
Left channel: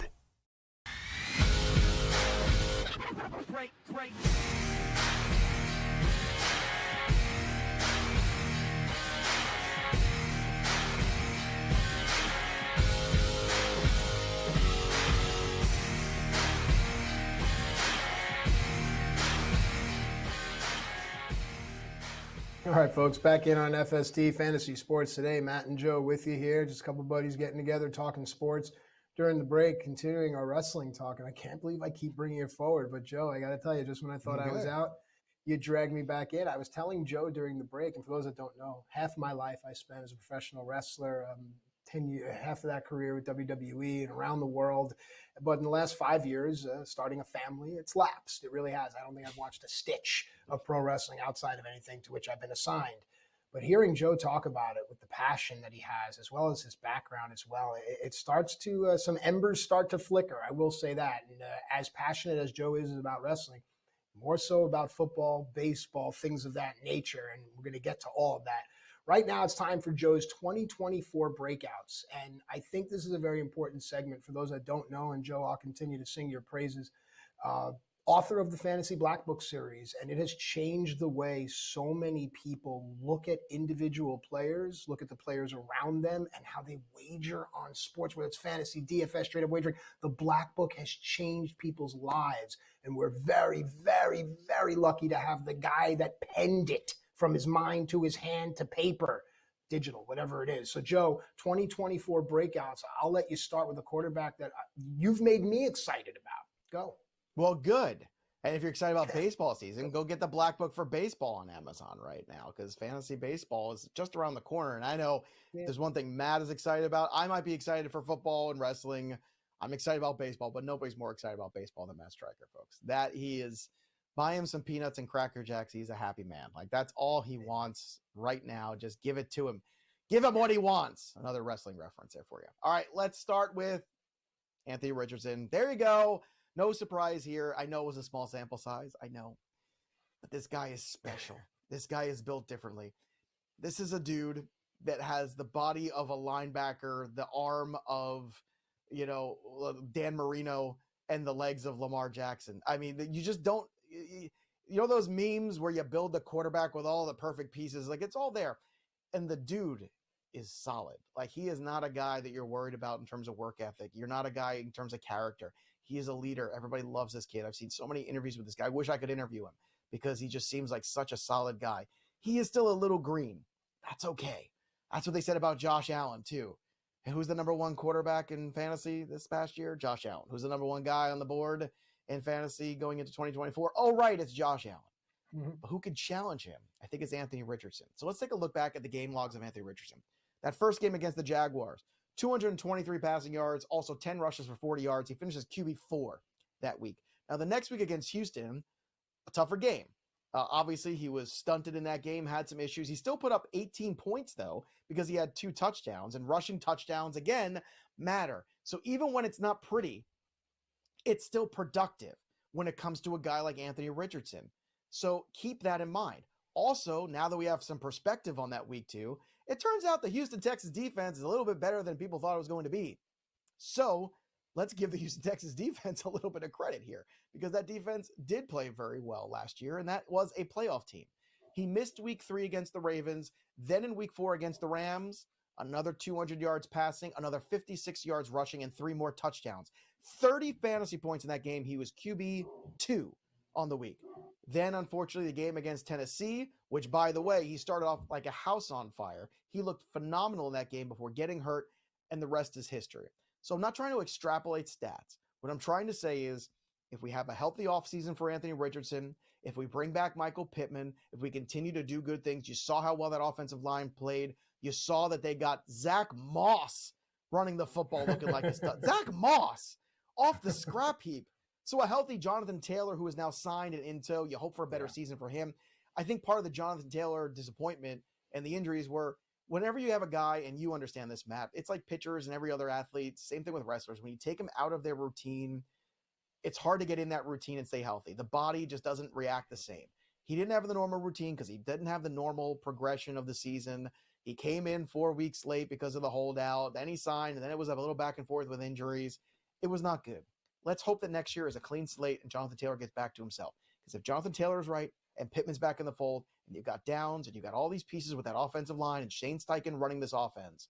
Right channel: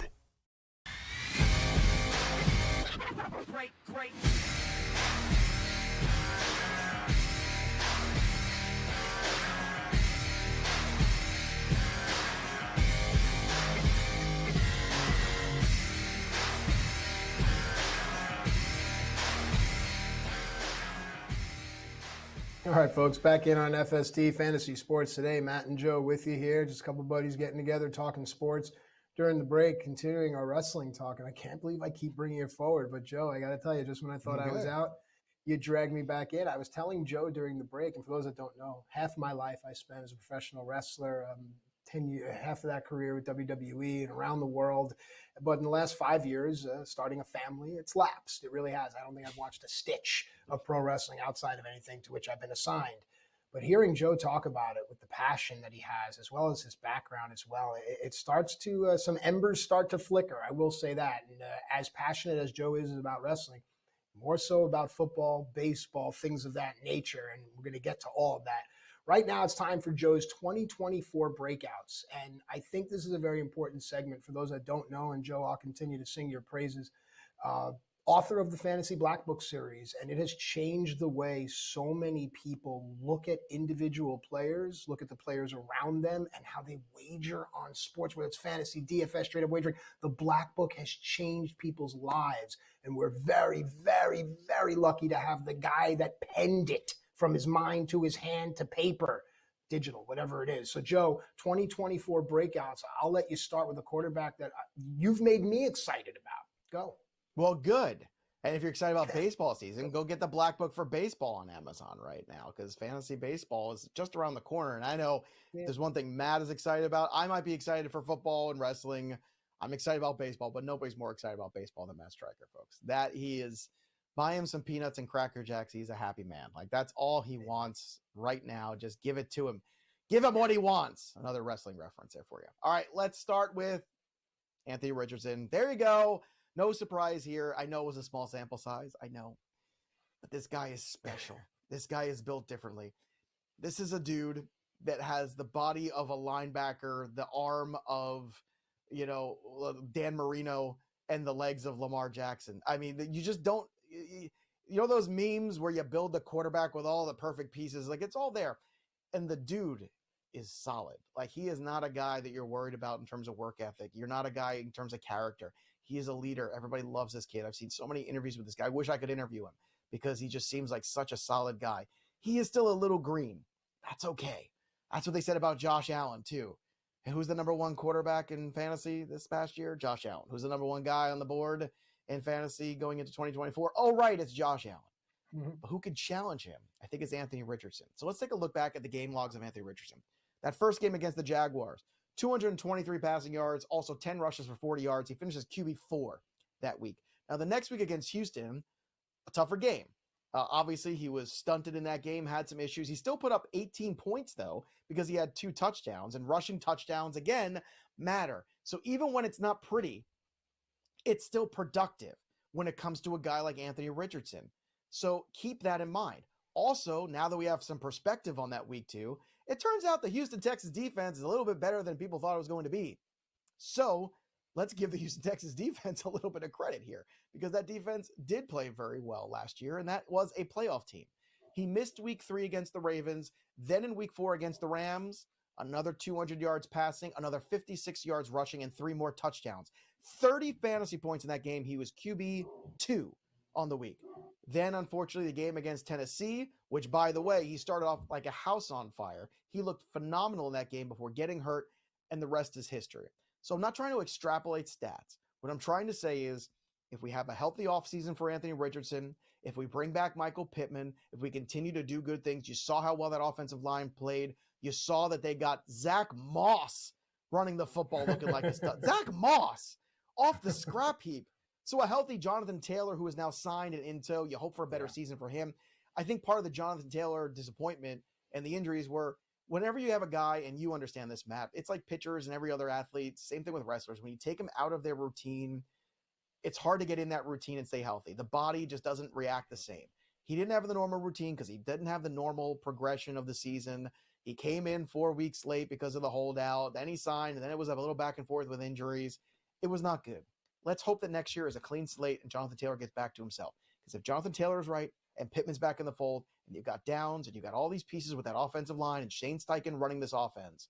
All right, folks, back in on FST Fantasy Sports today. Matt and Joe with you here. Just a couple buddies getting together, talking sports. During the break, continuing our wrestling talk, and I can't believe I keep bringing it forward. But, Joe, I got to tell you, just when I thought I was out, you dragged me back in. I was telling Joe during the break, and for those that don't know, half my life I spent as a professional wrestler, half of that career with WWE and around the world. But in the last 5 years, starting a family, it's lapsed. It really has. I don't think I've watched a stitch of pro wrestling outside of anything to which I've been assigned. But hearing Joe talk about it with the passion that he has, as well as his background as well, it starts to, some embers start to flicker. I will say that. And as passionate as Joe is about wrestling, more so about football, baseball, things of that nature. And we're going to get to all of that. Right now, it's time for Joe's 2024 breakouts. And I think this is a very important segment for those that don't know. And Joe, I'll continue to sing your praises. Author of the Fantasy Black Book series, and it has changed the way so many people look at individual players, look at the players around them, and how they wager on sports, whether it's fantasy, DFS, straight up wagering. The Black Book has changed people's lives, and we're very, very, very lucky to have the guy that penned it from his mind to his hand to paper, digital, whatever it is. So, Joe, 2024 breakouts, I'll let you start with a quarterback that you've made me excited about. Go. Well, good. And if you're excited about baseball season, go get the Black Book for baseball on Amazon right now, because fantasy baseball is just around the corner. And I know there's one thing Matt is excited about. I might be excited for football and wrestling. I'm excited about baseball, but nobody's more excited about baseball than Matt Striker, folks. That he is, buy him some peanuts and Cracker Jacks. He's a happy man. Like, that's all he wants right now. Just give it to him. Give him what he wants. Another wrestling reference there for you. All right, let's start with Anthony Richardson. There you go. No surprise here. I know it was a small sample size. I know. But this guy is special. This guy is built differently. This is a dude that has the body of a linebacker, the arm of, Dan Marino, and the legs of Lamar Jackson. I mean, you just don't, those memes where you build the quarterback with all the perfect pieces, like, it's all there. And the dude is solid. Like, he is not a guy that you're worried about in terms of work ethic. You're not a guy in terms of character. He is a leader. Everybody loves this kid. I've seen so many interviews with this guy. I wish I could interview him because he just seems like such a solid guy. He is still a little green. That's okay. That's what they said about Josh Allen, too. And who's the number one quarterback in fantasy this past year? Josh Allen. Who's the number one guy on the board in fantasy going into 2024? Oh, right, it's Josh Allen. Mm-hmm. But who could challenge him? I think it's Anthony Richardson. So let's take a look back at the game logs of Anthony Richardson. That first game against the Jaguars, 223 passing yards, also 10 rushes for 40 yards. He finishes QB4 that week. Now, the next week against Houston, a tougher game. Obviously, he was stunted in that game, had some issues. He still put up 18 points, though, because he had 2 touchdowns, and rushing touchdowns, again, matter. So even when it's not pretty, it's still productive when it comes to a guy like Anthony Richardson. So keep that in mind. Also, now that we have some perspective on that week 2, it turns out the Houston Texans defense is a little bit better than people thought it was going to be. So let's give the Houston Texans defense a little bit of credit here, because that defense did play very well last year, and that was a playoff team. He missed week 3 against the Ravens, then in week 4 against the Rams, another 200 yards passing, another 56 yards rushing, and 3 more touchdowns. 30 fantasy points in that game. He was QB2 on the week. Then, unfortunately, the game against Tennessee, which, by the way, he started off like a house on fire. He looked phenomenal in that game before getting hurt, and the rest is history. So I'm not trying to extrapolate stats. What I'm trying to say is, if we have a healthy offseason for Anthony Richardson, if we bring back Michael Pittman, if we continue to do good things, you saw how well that offensive line played. You saw that they got Zach Moss running the football looking like a stud. Zach Moss off the scrap heap. So a healthy Jonathan Taylor, who is now signed and in tow, you hope for a better season for him. I think part of the Jonathan Taylor disappointment and the injuries were, whenever you have a guy, and you understand this, Matt, it's like pitchers and every other athlete, same thing with wrestlers. When you take them out of their routine, it's hard to get in that routine and stay healthy. The body just doesn't react the same. He didn't have the normal routine because he didn't have the normal progression of the season. He came in 4 weeks late because of the holdout. Then he signed, and then it was a little back and forth with injuries. It was not good. Let's hope that next year is a clean slate and Jonathan Taylor gets back to himself. Because if Jonathan Taylor is right and Pittman's back in the fold, and you've got Downs, and you've got all these pieces with that offensive line, and Shane Steichen running this offense,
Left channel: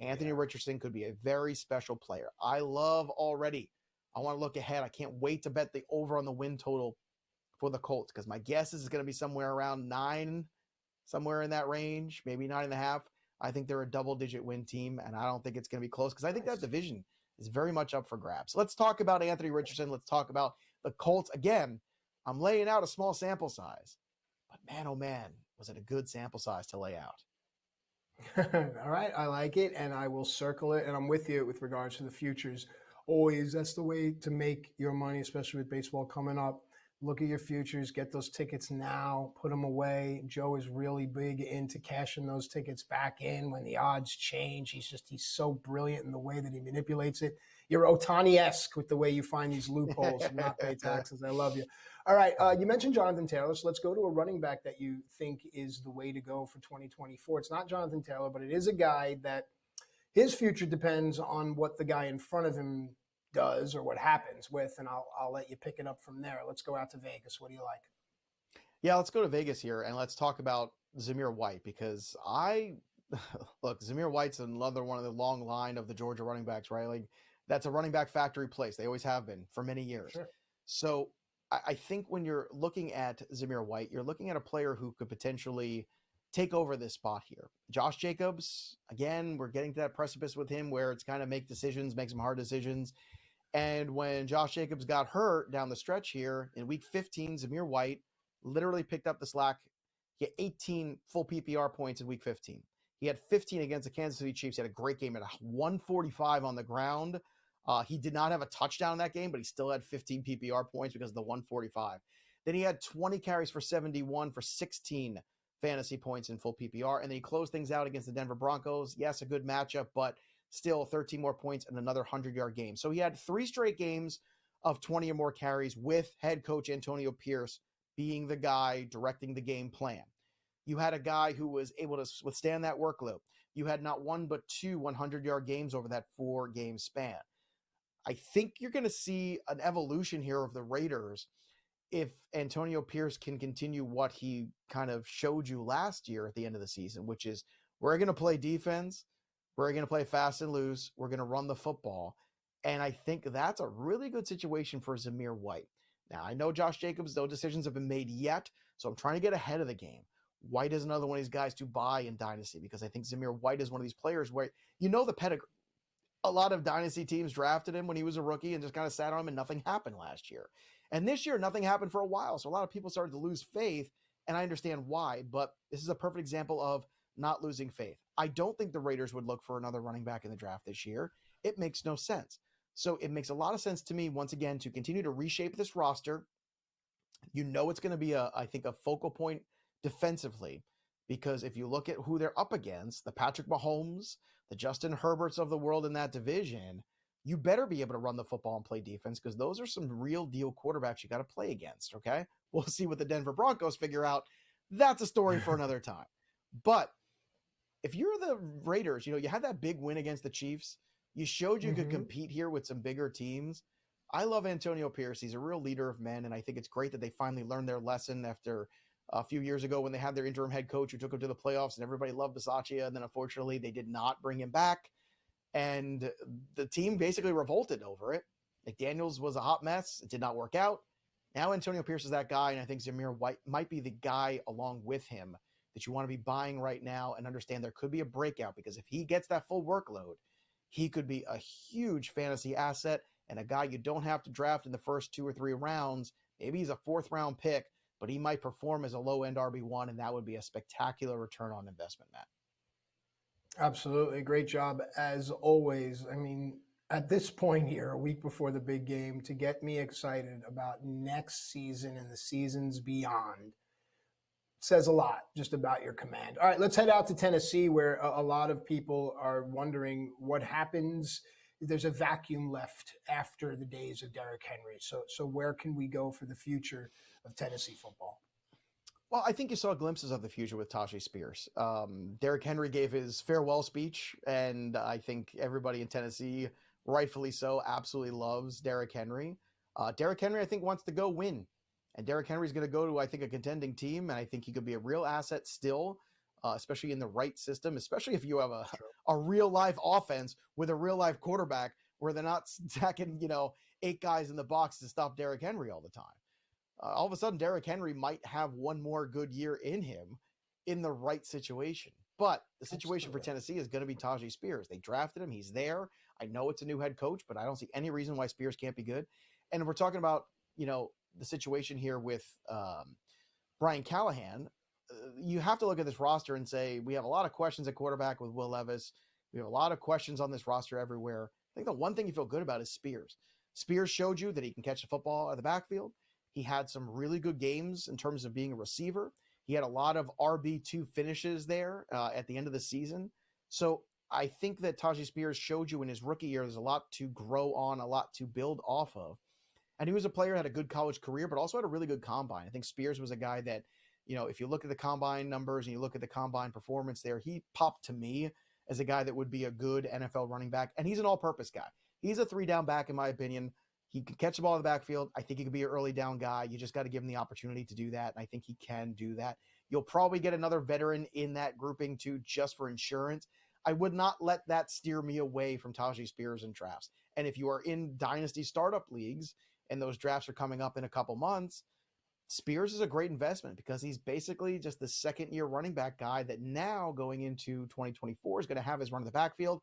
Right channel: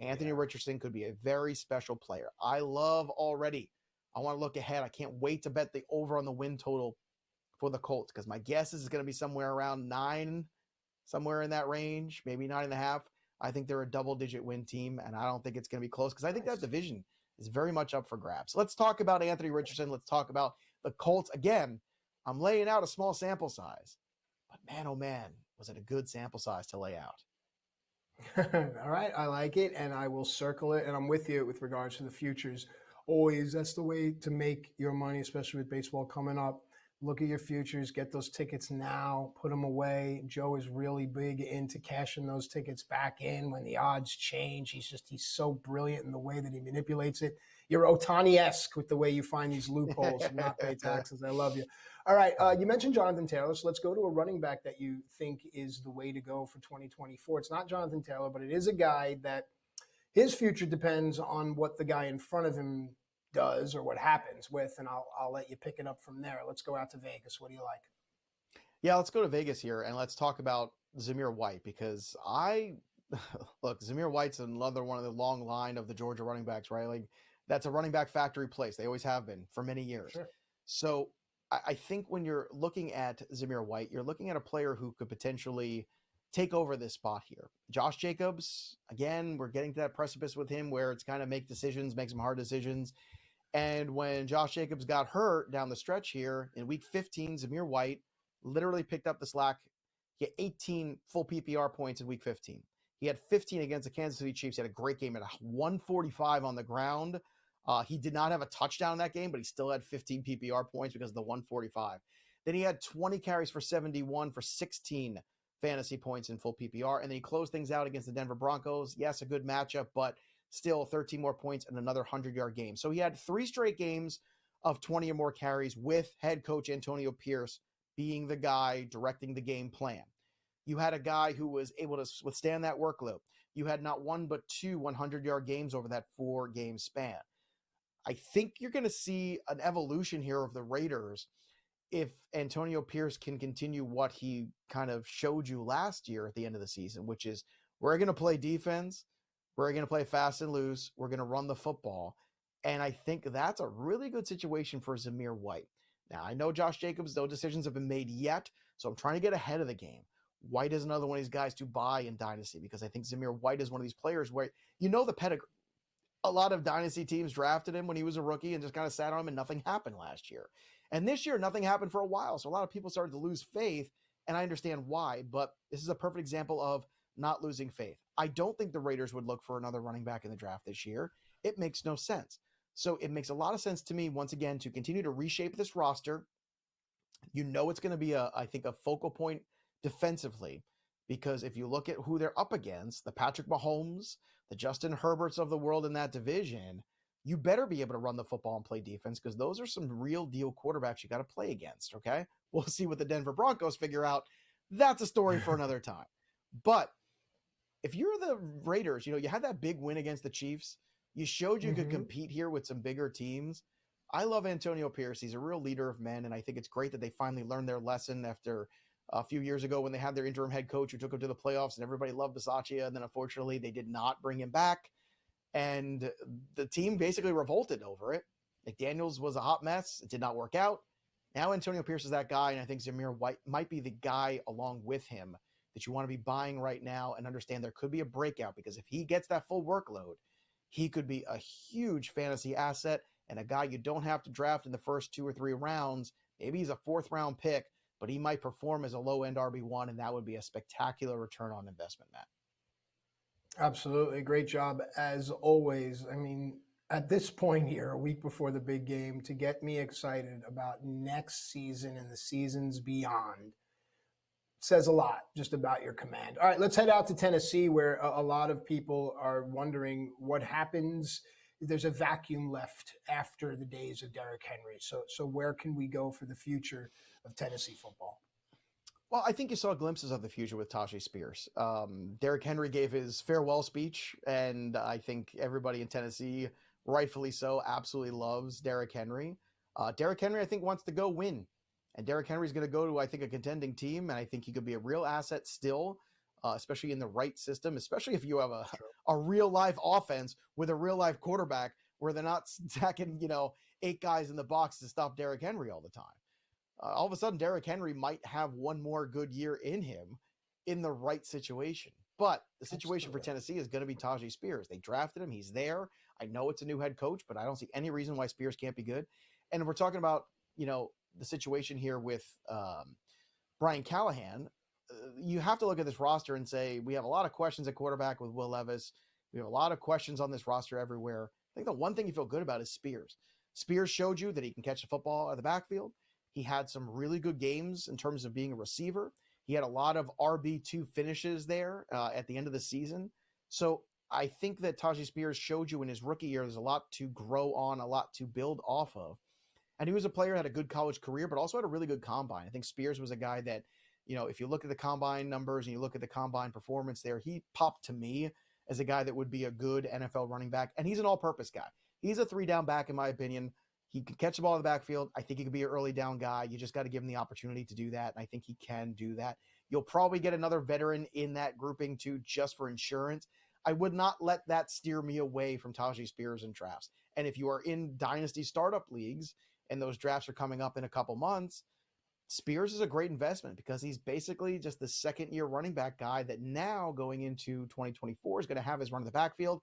Anthony Richardson could be a very special player. I want to look ahead. I can't wait to bet the over on the win total for the Colts, because my guess is it's going to be somewhere around 9, somewhere in that range, maybe 9.5. I think they're a double-digit win team, and I don't think it's going to be close, because I think that division is very much up for grabs. Let's talk about Anthony Richardson. Let's talk about the Colts. Again, I'm laying out a small sample size, but man, oh man, was it a good sample size to lay out. All right, I like it, and I will circle it, and I'm with you with regards to the futures. Always, that's the way to make your money, especially with baseball coming up. Look at your futures, get those tickets now, put them away. Joe is really big into cashing those tickets back in when the odds change. He's so brilliant in the way that he manipulates it. You're Otani-esque with the way you find these loopholes and not pay taxes. I love you. All right, you mentioned Jonathan Taylor, so let's go to a running back that you think is the way to go for 2024. It's not Jonathan Taylor, but it is a guy that his future depends on what the guy in front of him does or what happens with, and I'll let you pick it up from there. Let's go out to Vegas. What do you like? Yeah, let's go to Vegas here, and let's talk about Zamir White, because look, Zamir White's another one of the long line of the Georgia running backs, right? Like, that's a running back factory place. They always have been for many years. Sure. So I think when you're looking at Zamir White, you're looking at a player who could potentially take over this spot here. Josh Jacobs, again, we're getting to that precipice with him where it's kind of make some hard decisions. And when Josh Jacobs got hurt down the stretch here in week 15, Zamir White literally picked up the slack. He had 18 full PPR points in week 15. He had 15 against the Kansas City Chiefs. He had a great game at 145 on the ground. He did not have a touchdown in that game, but he still had 15 PPR points because of the 145. Then he had 20 carries for 71 for 16 fantasy points in full PPR. And then he closed things out against the Denver Broncos. Yes, a good matchup, but still 13 more points and another 100-yard game. So he had 3 straight games of 20 or more carries with head coach Antonio Pierce being the guy directing the game plan. You had a guy who was able to withstand that workload. You had not one but 2 100-yard games over that 4-game span. I think you're going to see an evolution here of the Raiders if Antonio Pierce can continue what he kind of showed you last year at the end of the season, which is we're going to play defense, we're going to play fast and loose, we're going to run the football. And I think that's a really good situation for Zamir White. Now, I know Josh Jacobs, no decisions have been made yet, so I'm trying to get ahead of the game. White is another one of these guys to buy in Dynasty because I think Zamir White is one of these players where you know the pedigree. A lot of Dynasty teams drafted him when he was a rookie and just kind of sat on him and nothing happened last year. And this year, nothing happened for a while. So a lot of people started to lose faith, and I understand why, but this is a perfect example of not losing faith. I don't think the Raiders would look for another running back in the draft this year. It makes no sense. So it makes a lot of sense to me, once again, to continue to reshape this roster. You know it's going to be, I think, a focal point defensively, because if you look at who they're up against, the Patrick Mahomes, the Justin Herberts of the world in that division, you better be able to run the football and play defense, because those are some real deal quarterbacks you got to play against, okay? We'll see what the Denver Broncos figure out. That's a story for another time. But if you're the Raiders, you had that big win against the Chiefs. You showed you could compete here with some bigger teams. I love Antonio Pierce. He's a real leader of men, and I think it's great that they finally learned their lesson after a few years ago when they had their interim head coach who took them to the playoffs, and everybody loved Bisaccia, and then unfortunately they did not bring him back, and the team basically revolted over it. McDaniels was a hot mess. It did not work out. Now Antonio Pierce is that guy, and I think Zamir White might be the guy along with him that you want to be buying right now and understand there could be a breakout, because if he gets that full workload, he could be a huge fantasy asset and a guy you don't have to draft in the first 2 or 3 rounds. Maybe he's a 4th-round pick, but he might perform as a low-end RB1, and that would be a spectacular return on investment, Matt. Absolutely. Great job, as always. I mean, at this point here, a week before the big game, to get me excited about next season and the seasons beyond says a lot just about your command. All right, let's head out to Tennessee, where a lot of people are wondering what happens. There's a vacuum left after the days of Derrick Henry. So where can we go for the future of Tennessee football? Well, I think you saw glimpses of the future with Tajay Spears. Derrick Henry gave his farewell speech, and I think everybody in Tennessee, rightfully so, absolutely loves Derrick Henry. Derrick Henry, I think, wants to go win. And Derrick Henry's going to go to, I think, a contending team, and I think he could be a real asset still, especially in the right system, especially if you have a real-life offense with a real-life quarterback where they're not stacking, 8 guys in the box to stop Derrick Henry all the time. All of a sudden, Derrick Henry might have one more good year in him in the right situation. But the situation for Tennessee is going to be Tajay Spears. They drafted him. He's there. I know it's a new head coach, but I don't see any reason why Spears can't be good. And if we're talking about, the situation here with Brian Callahan, you have to look at this roster and say, we have a lot of questions at quarterback with Will Levis. We have a lot of questions on this roster everywhere. I think the one thing you feel good about is Spears. Spears showed you that he can catch the football out of the backfield. He had some really good games in terms of being a receiver. He had a lot of RB2 finishes there at the end of the season. So I think that Tajay Spears showed you in his rookie year there's a lot to grow on, a lot to build off of. And he was a player who had a good college career, but also had a really good combine. I think Spears was a guy that, if you look at the combine numbers and you look at the combine performance there, he popped to me as a guy that would be a good NFL running back. And he's an all-purpose guy. He's a 3-down back, in my opinion. He can catch the ball in the backfield. I think he could be an early down guy. You just got to give him the opportunity to do that, and I think he can do that. You'll probably get another veteran in that grouping, too, just for insurance. I would not let that steer me away from Tajay Spears in drafts. And if you are in dynasty startup leagues and those drafts are coming up in a couple months, Spears is a great investment because he's basically just the second-year running back guy that now going into 2024 is going to have his run in the backfield,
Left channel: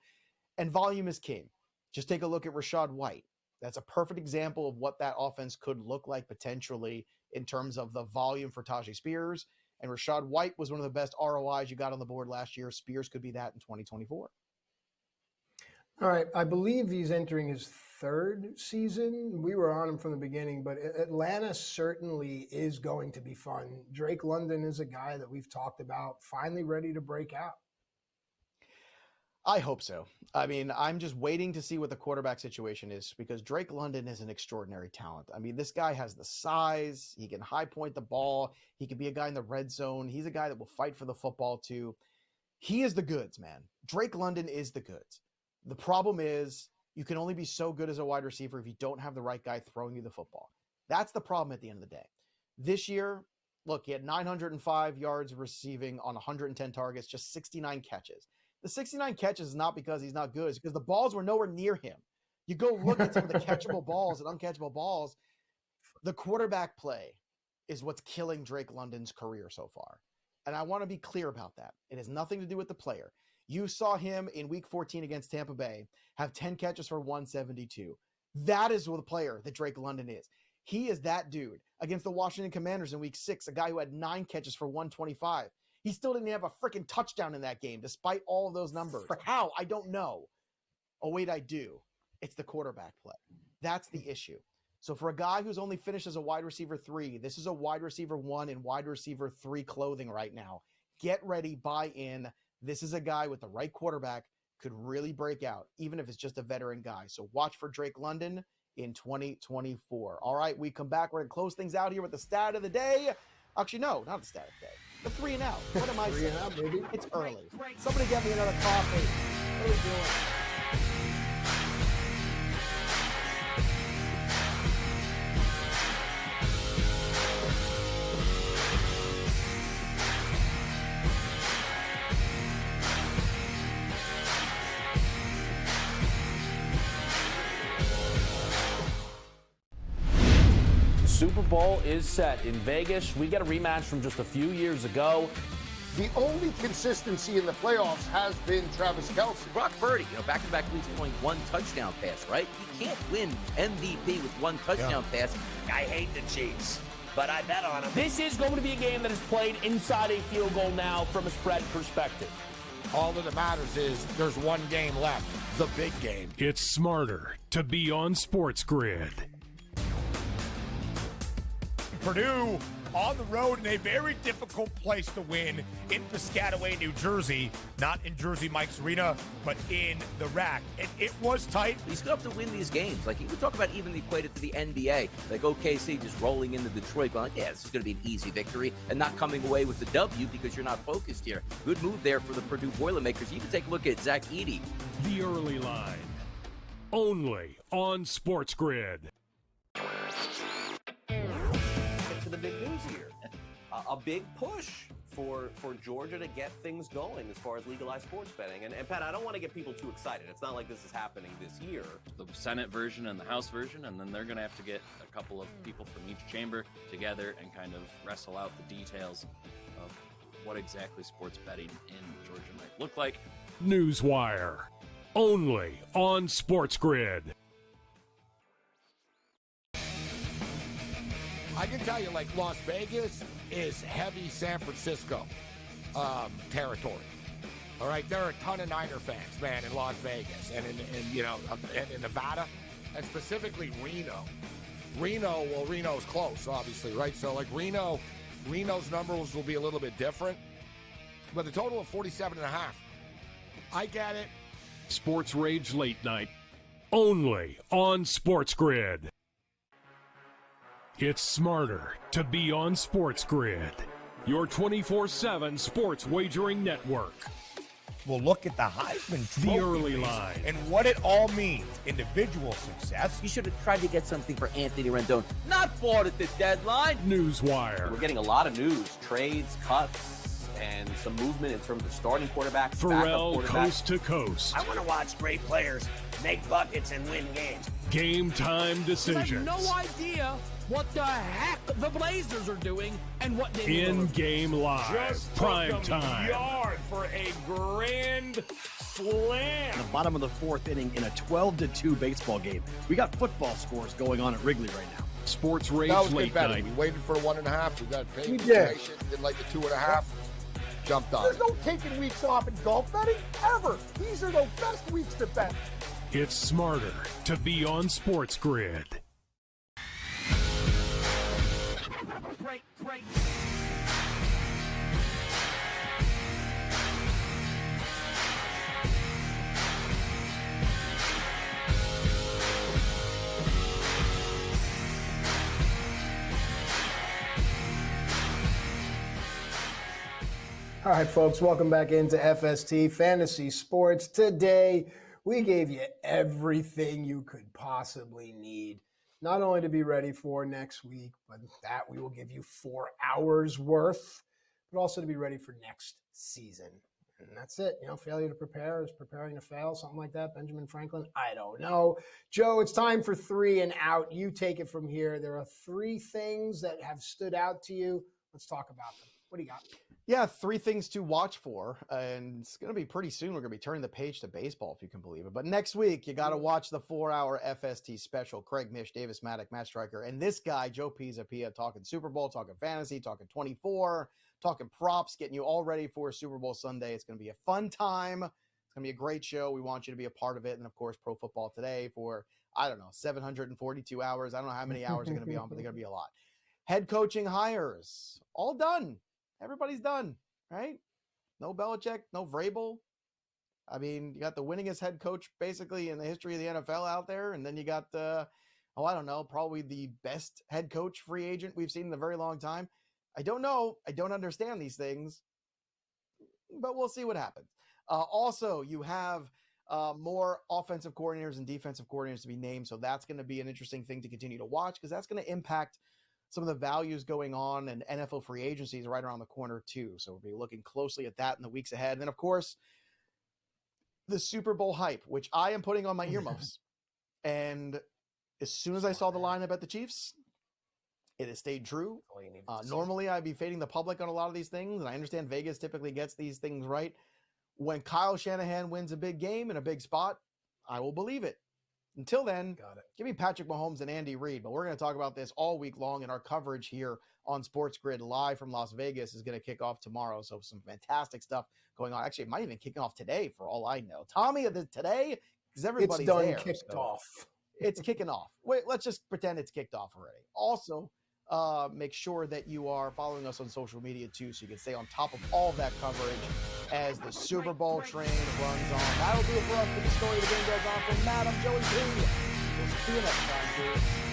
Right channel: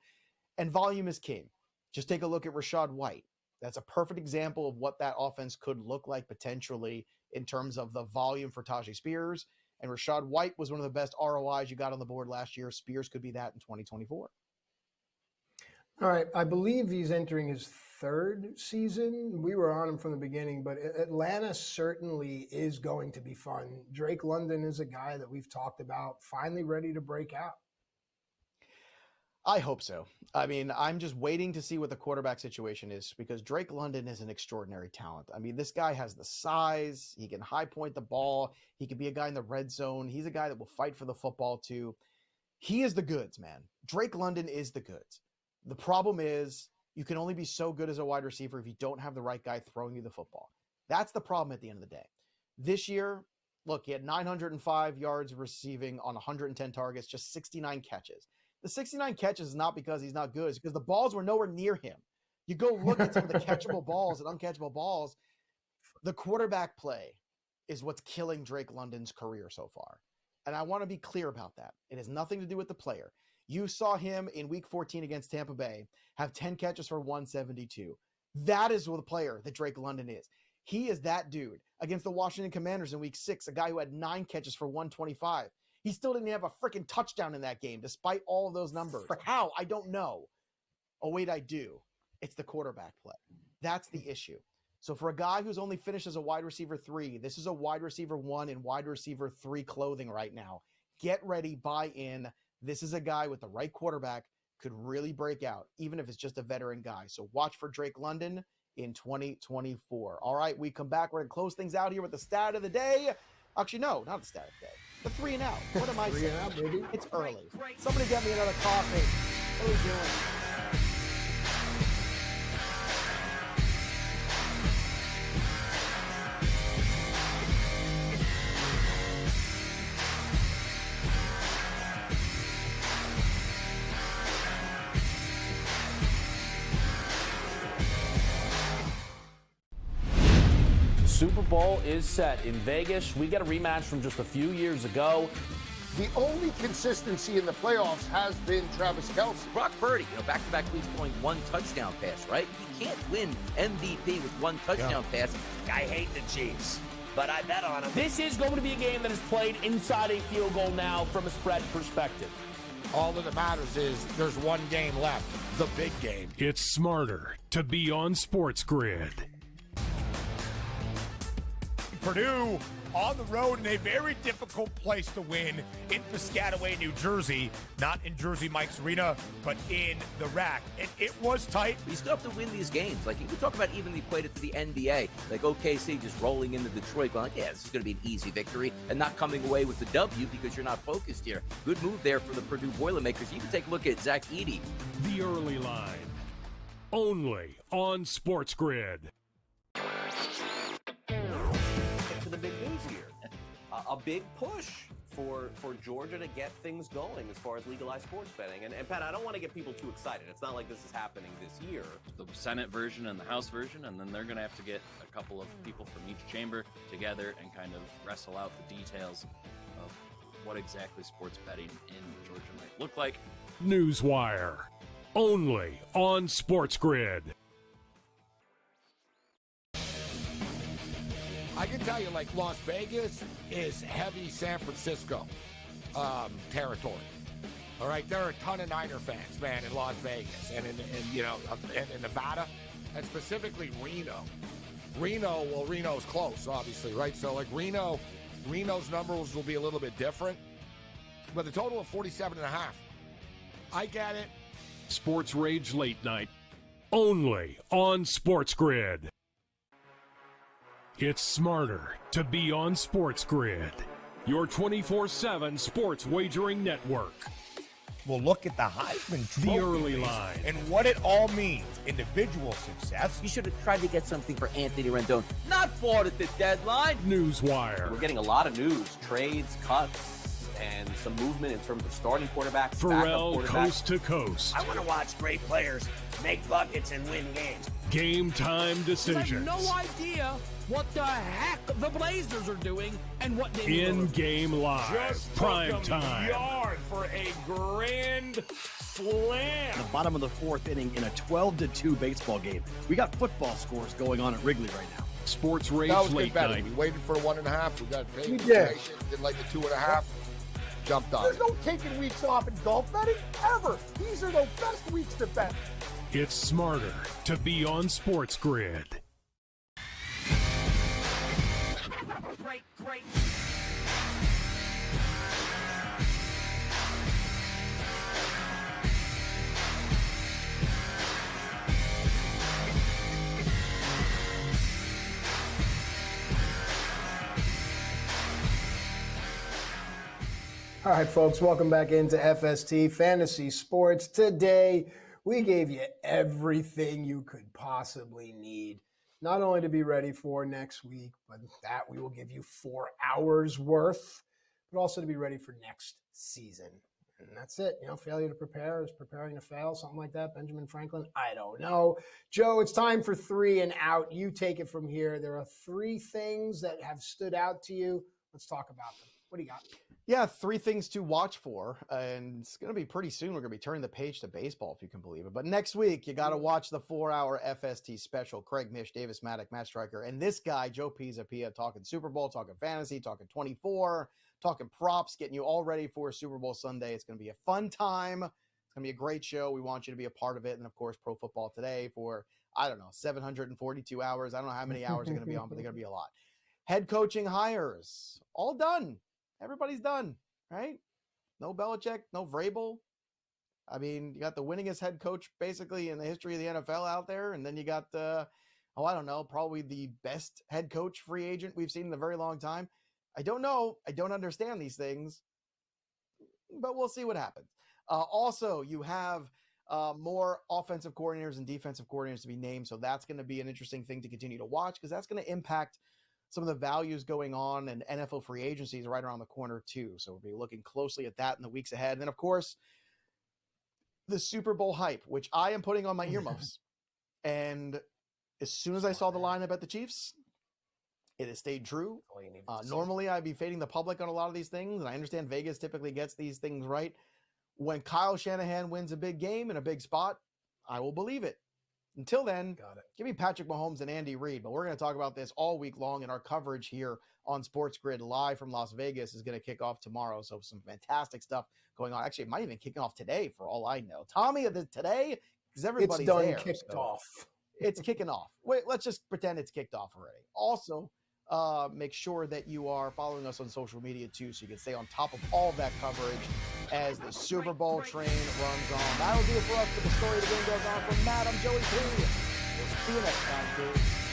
and volume is king. Just take a look at Rachaad White. That's a perfect example of what that offense could look like potentially in terms of the volume for Tajay Spears. And Rachaad White was one of the best ROIs you got on the board last year. Spears could be that in 2024. All right. I believe he's entering his 3rd season. We were on him from the beginning, but Atlanta certainly is going to be fun. Drake London is a guy that we've talked about, finally ready to break out. I hope so. I mean, I'm just waiting to see what the quarterback situation is because Drake London is an extraordinary talent. I mean, this guy has the size. He can high point the ball. He could be a guy in the red zone. He's a guy that will fight for the football too. He is the goods, man. Drake London is the goods. The problem is you can only be so good as a wide receiver if you don't have the right guy throwing you the football. That's the problem at the end of the day. This year, look, he had 905 yards receiving on 110 targets, just 69 catches. The 69 catches is not because he's not good. It's because the balls were nowhere near him. You go look at some of the catchable balls and uncatchable balls. The quarterback play is what's killing Drake London's career so far. And I want to be clear about that. It has nothing to do with the player. You saw him in Week 14 against Tampa Bay have 10 catches for 172. That is the player that Drake London is. He is that dude. Against the Washington Commanders in Week 6, a guy who had 9 catches for 125. He still didn't have a freaking touchdown in that game, despite all of those numbers. How? I don't know. Oh, wait, I do. It's the quarterback play. That's the issue. So for a guy who's only finished as a wide receiver 3, this is a wide receiver 1 and wide receiver 3 clothing right now. Get ready, buy in. This is a guy with the right quarterback could really break out, even if it's just a veteran guy. So watch for Drake London in 2024. All right, we come back. We're going to close things out here with the stat of the day. Actually, no, not the stat of the day. The 3 and out. What am I saying? It's early. Somebody get me another coffee. What are we doing? Super Bowl is set in Vegas. We get a rematch from just a few years ago. The only consistency in the playoffs has been Travis Kelce. Brock Purdy, back-to-back weeks throwing 1 touchdown pass, right? You can't win MVP with 1 touchdown pass. I hate the Chiefs, but I bet on them. This is going to be a game that is played inside a field goal now from a spread perspective. All that matters is there's one game left, the big game. It's smarter to be on SportsGrid. Purdue on the road in a very difficult place to win in Piscataway, New Jersey. Not in Jersey Mike's Arena, but in the rack. And it was tight. You still have to win these games. Like, you can talk about even equate it to the NBA. Like, OKC just rolling into Detroit going, yeah, this is going to be an easy victory, and not coming away with the W because you're not focused here. Good move there for the Purdue Boilermakers. You can take a look at Zach Edey. The early line. Only on SportsGrid. To the big news here. A big push for Georgia to get things going as far as legalized sports betting. And Pat, I don't want to get people too excited. It's not like this is happening this year. The Senate version and the House version, and then they're going to have to get a couple of people from each chamber together and kind of wrestle out the details of what exactly sports betting in Georgia might look like. Newswire. Only on SportsGrid. I can tell you, like, Las Vegas is heavy San Francisco territory. All right, there are a ton of Niner fans, man, in Las Vegas and in Nevada, and specifically Reno. Reno's close, obviously, right? So, like, Reno's numbers will be a little bit different, but the total of 47.5. I get it. Sports Rage Late Night. Only on SportsGrid. It's smarter to be on SportsGrid, your 24/7 sports wagering network. We'll look at the Heisman The Trophy early line. and what it all means. Individual success. You should have tried to get something for Anthony Rendon. Not bought at the deadline. Newswire. We're getting a lot of news, trades, cuts, and some movement in terms of starting quarterbacks, Pharrell backup quarterbacks. coast to coast. I want to watch great players make buckets and win games. Game time You decisions. have no idea what the heck the Blazers are doing and what they need. In-game live. Just Prime took them time. yard for a grand slam. The bottom of the fourth inning in a 12-2 baseball game. We got football scores going on at Wrigley right now. Sports Rage That was good Late betting. Night. We waited for 1.5. We got paid. We did. Did like the 2.5. Jumped on There's it. no taking weeks off in golf betting, ever. These are the best weeks to bet. It's smarter to be on SportsGrid. All right, folks, welcome back into FST Fantasy Sports. Today, we gave you everything you could possibly need, not only to be ready for next week, but that we will give you 4 hours worth, but also to be ready for next season. And that's it. You know, failure to prepare is preparing to fail, something like that. Benjamin Franklin, I don't know. Joe, it's time for 3 and out. You take it from here. There are 3 things that have stood out to you. Let's talk about them. What do you got? Yeah, 3 things to watch for, and it's going to be pretty soon. We're going to be turning the page to baseball, if you can believe it. But next week, you got to watch the 4-hour FST special. Craig Mish, Davis Maddock, Matt Striker, and this guy, Joe Pisapia, talking Super Bowl, talking fantasy, talking 24, talking props, getting you all ready for Super Bowl Sunday. It's going to be a fun time. It's going to be a great show. We want you to be a part of it. And, of course, Pro Football Today for, 742 hours. I don't know how many hours are going to be on, but they're going to be a lot. Head coaching hires, all done. Everybody's done, right? No Belichick, no Vrabel. I mean, you got the winningest head coach basically in the history of the NFL out there. And then you got probably the best head coach free agent we've seen in a very long time. I don't know. I don't understand these things, but we'll see what happens. Also, you have more offensive coordinators and defensive coordinators to be named. So that's going to be an interesting thing to continue to watch because that's going to impact some of the values going on, and NFL free agency is right around the corner too. So we'll be looking closely at that in the weeks ahead. And then, of course, the Super Bowl hype, which I am putting on my earmuffs. And as soon as I saw the lineup at the Chiefs, it has stayed true. Normally, I'd be fading the public on a lot of these things, and I understand Vegas typically gets these things right. When Kyle Shanahan wins a big game in a big spot, I will believe it. Until then, give me Patrick Mahomes and Andy Reid. But we're going to talk about this all week long, and our coverage here on SportsGrid live from Las Vegas is going to kick off tomorrow. So some fantastic stuff going on. Actually, it might even kick off today for all I know. Tommy, today? Because everybody's done, there. kicked off. It's kicking off. Wait, let's just pretend it's kicked off already. Also, make sure that you are following us on social media too, so you can stay on top of all of that coverage as the Super Bowl train runs on. That'll do it for us with the story of the game goes on. From Matt, I'm Joey P. We'll see you next time, dude.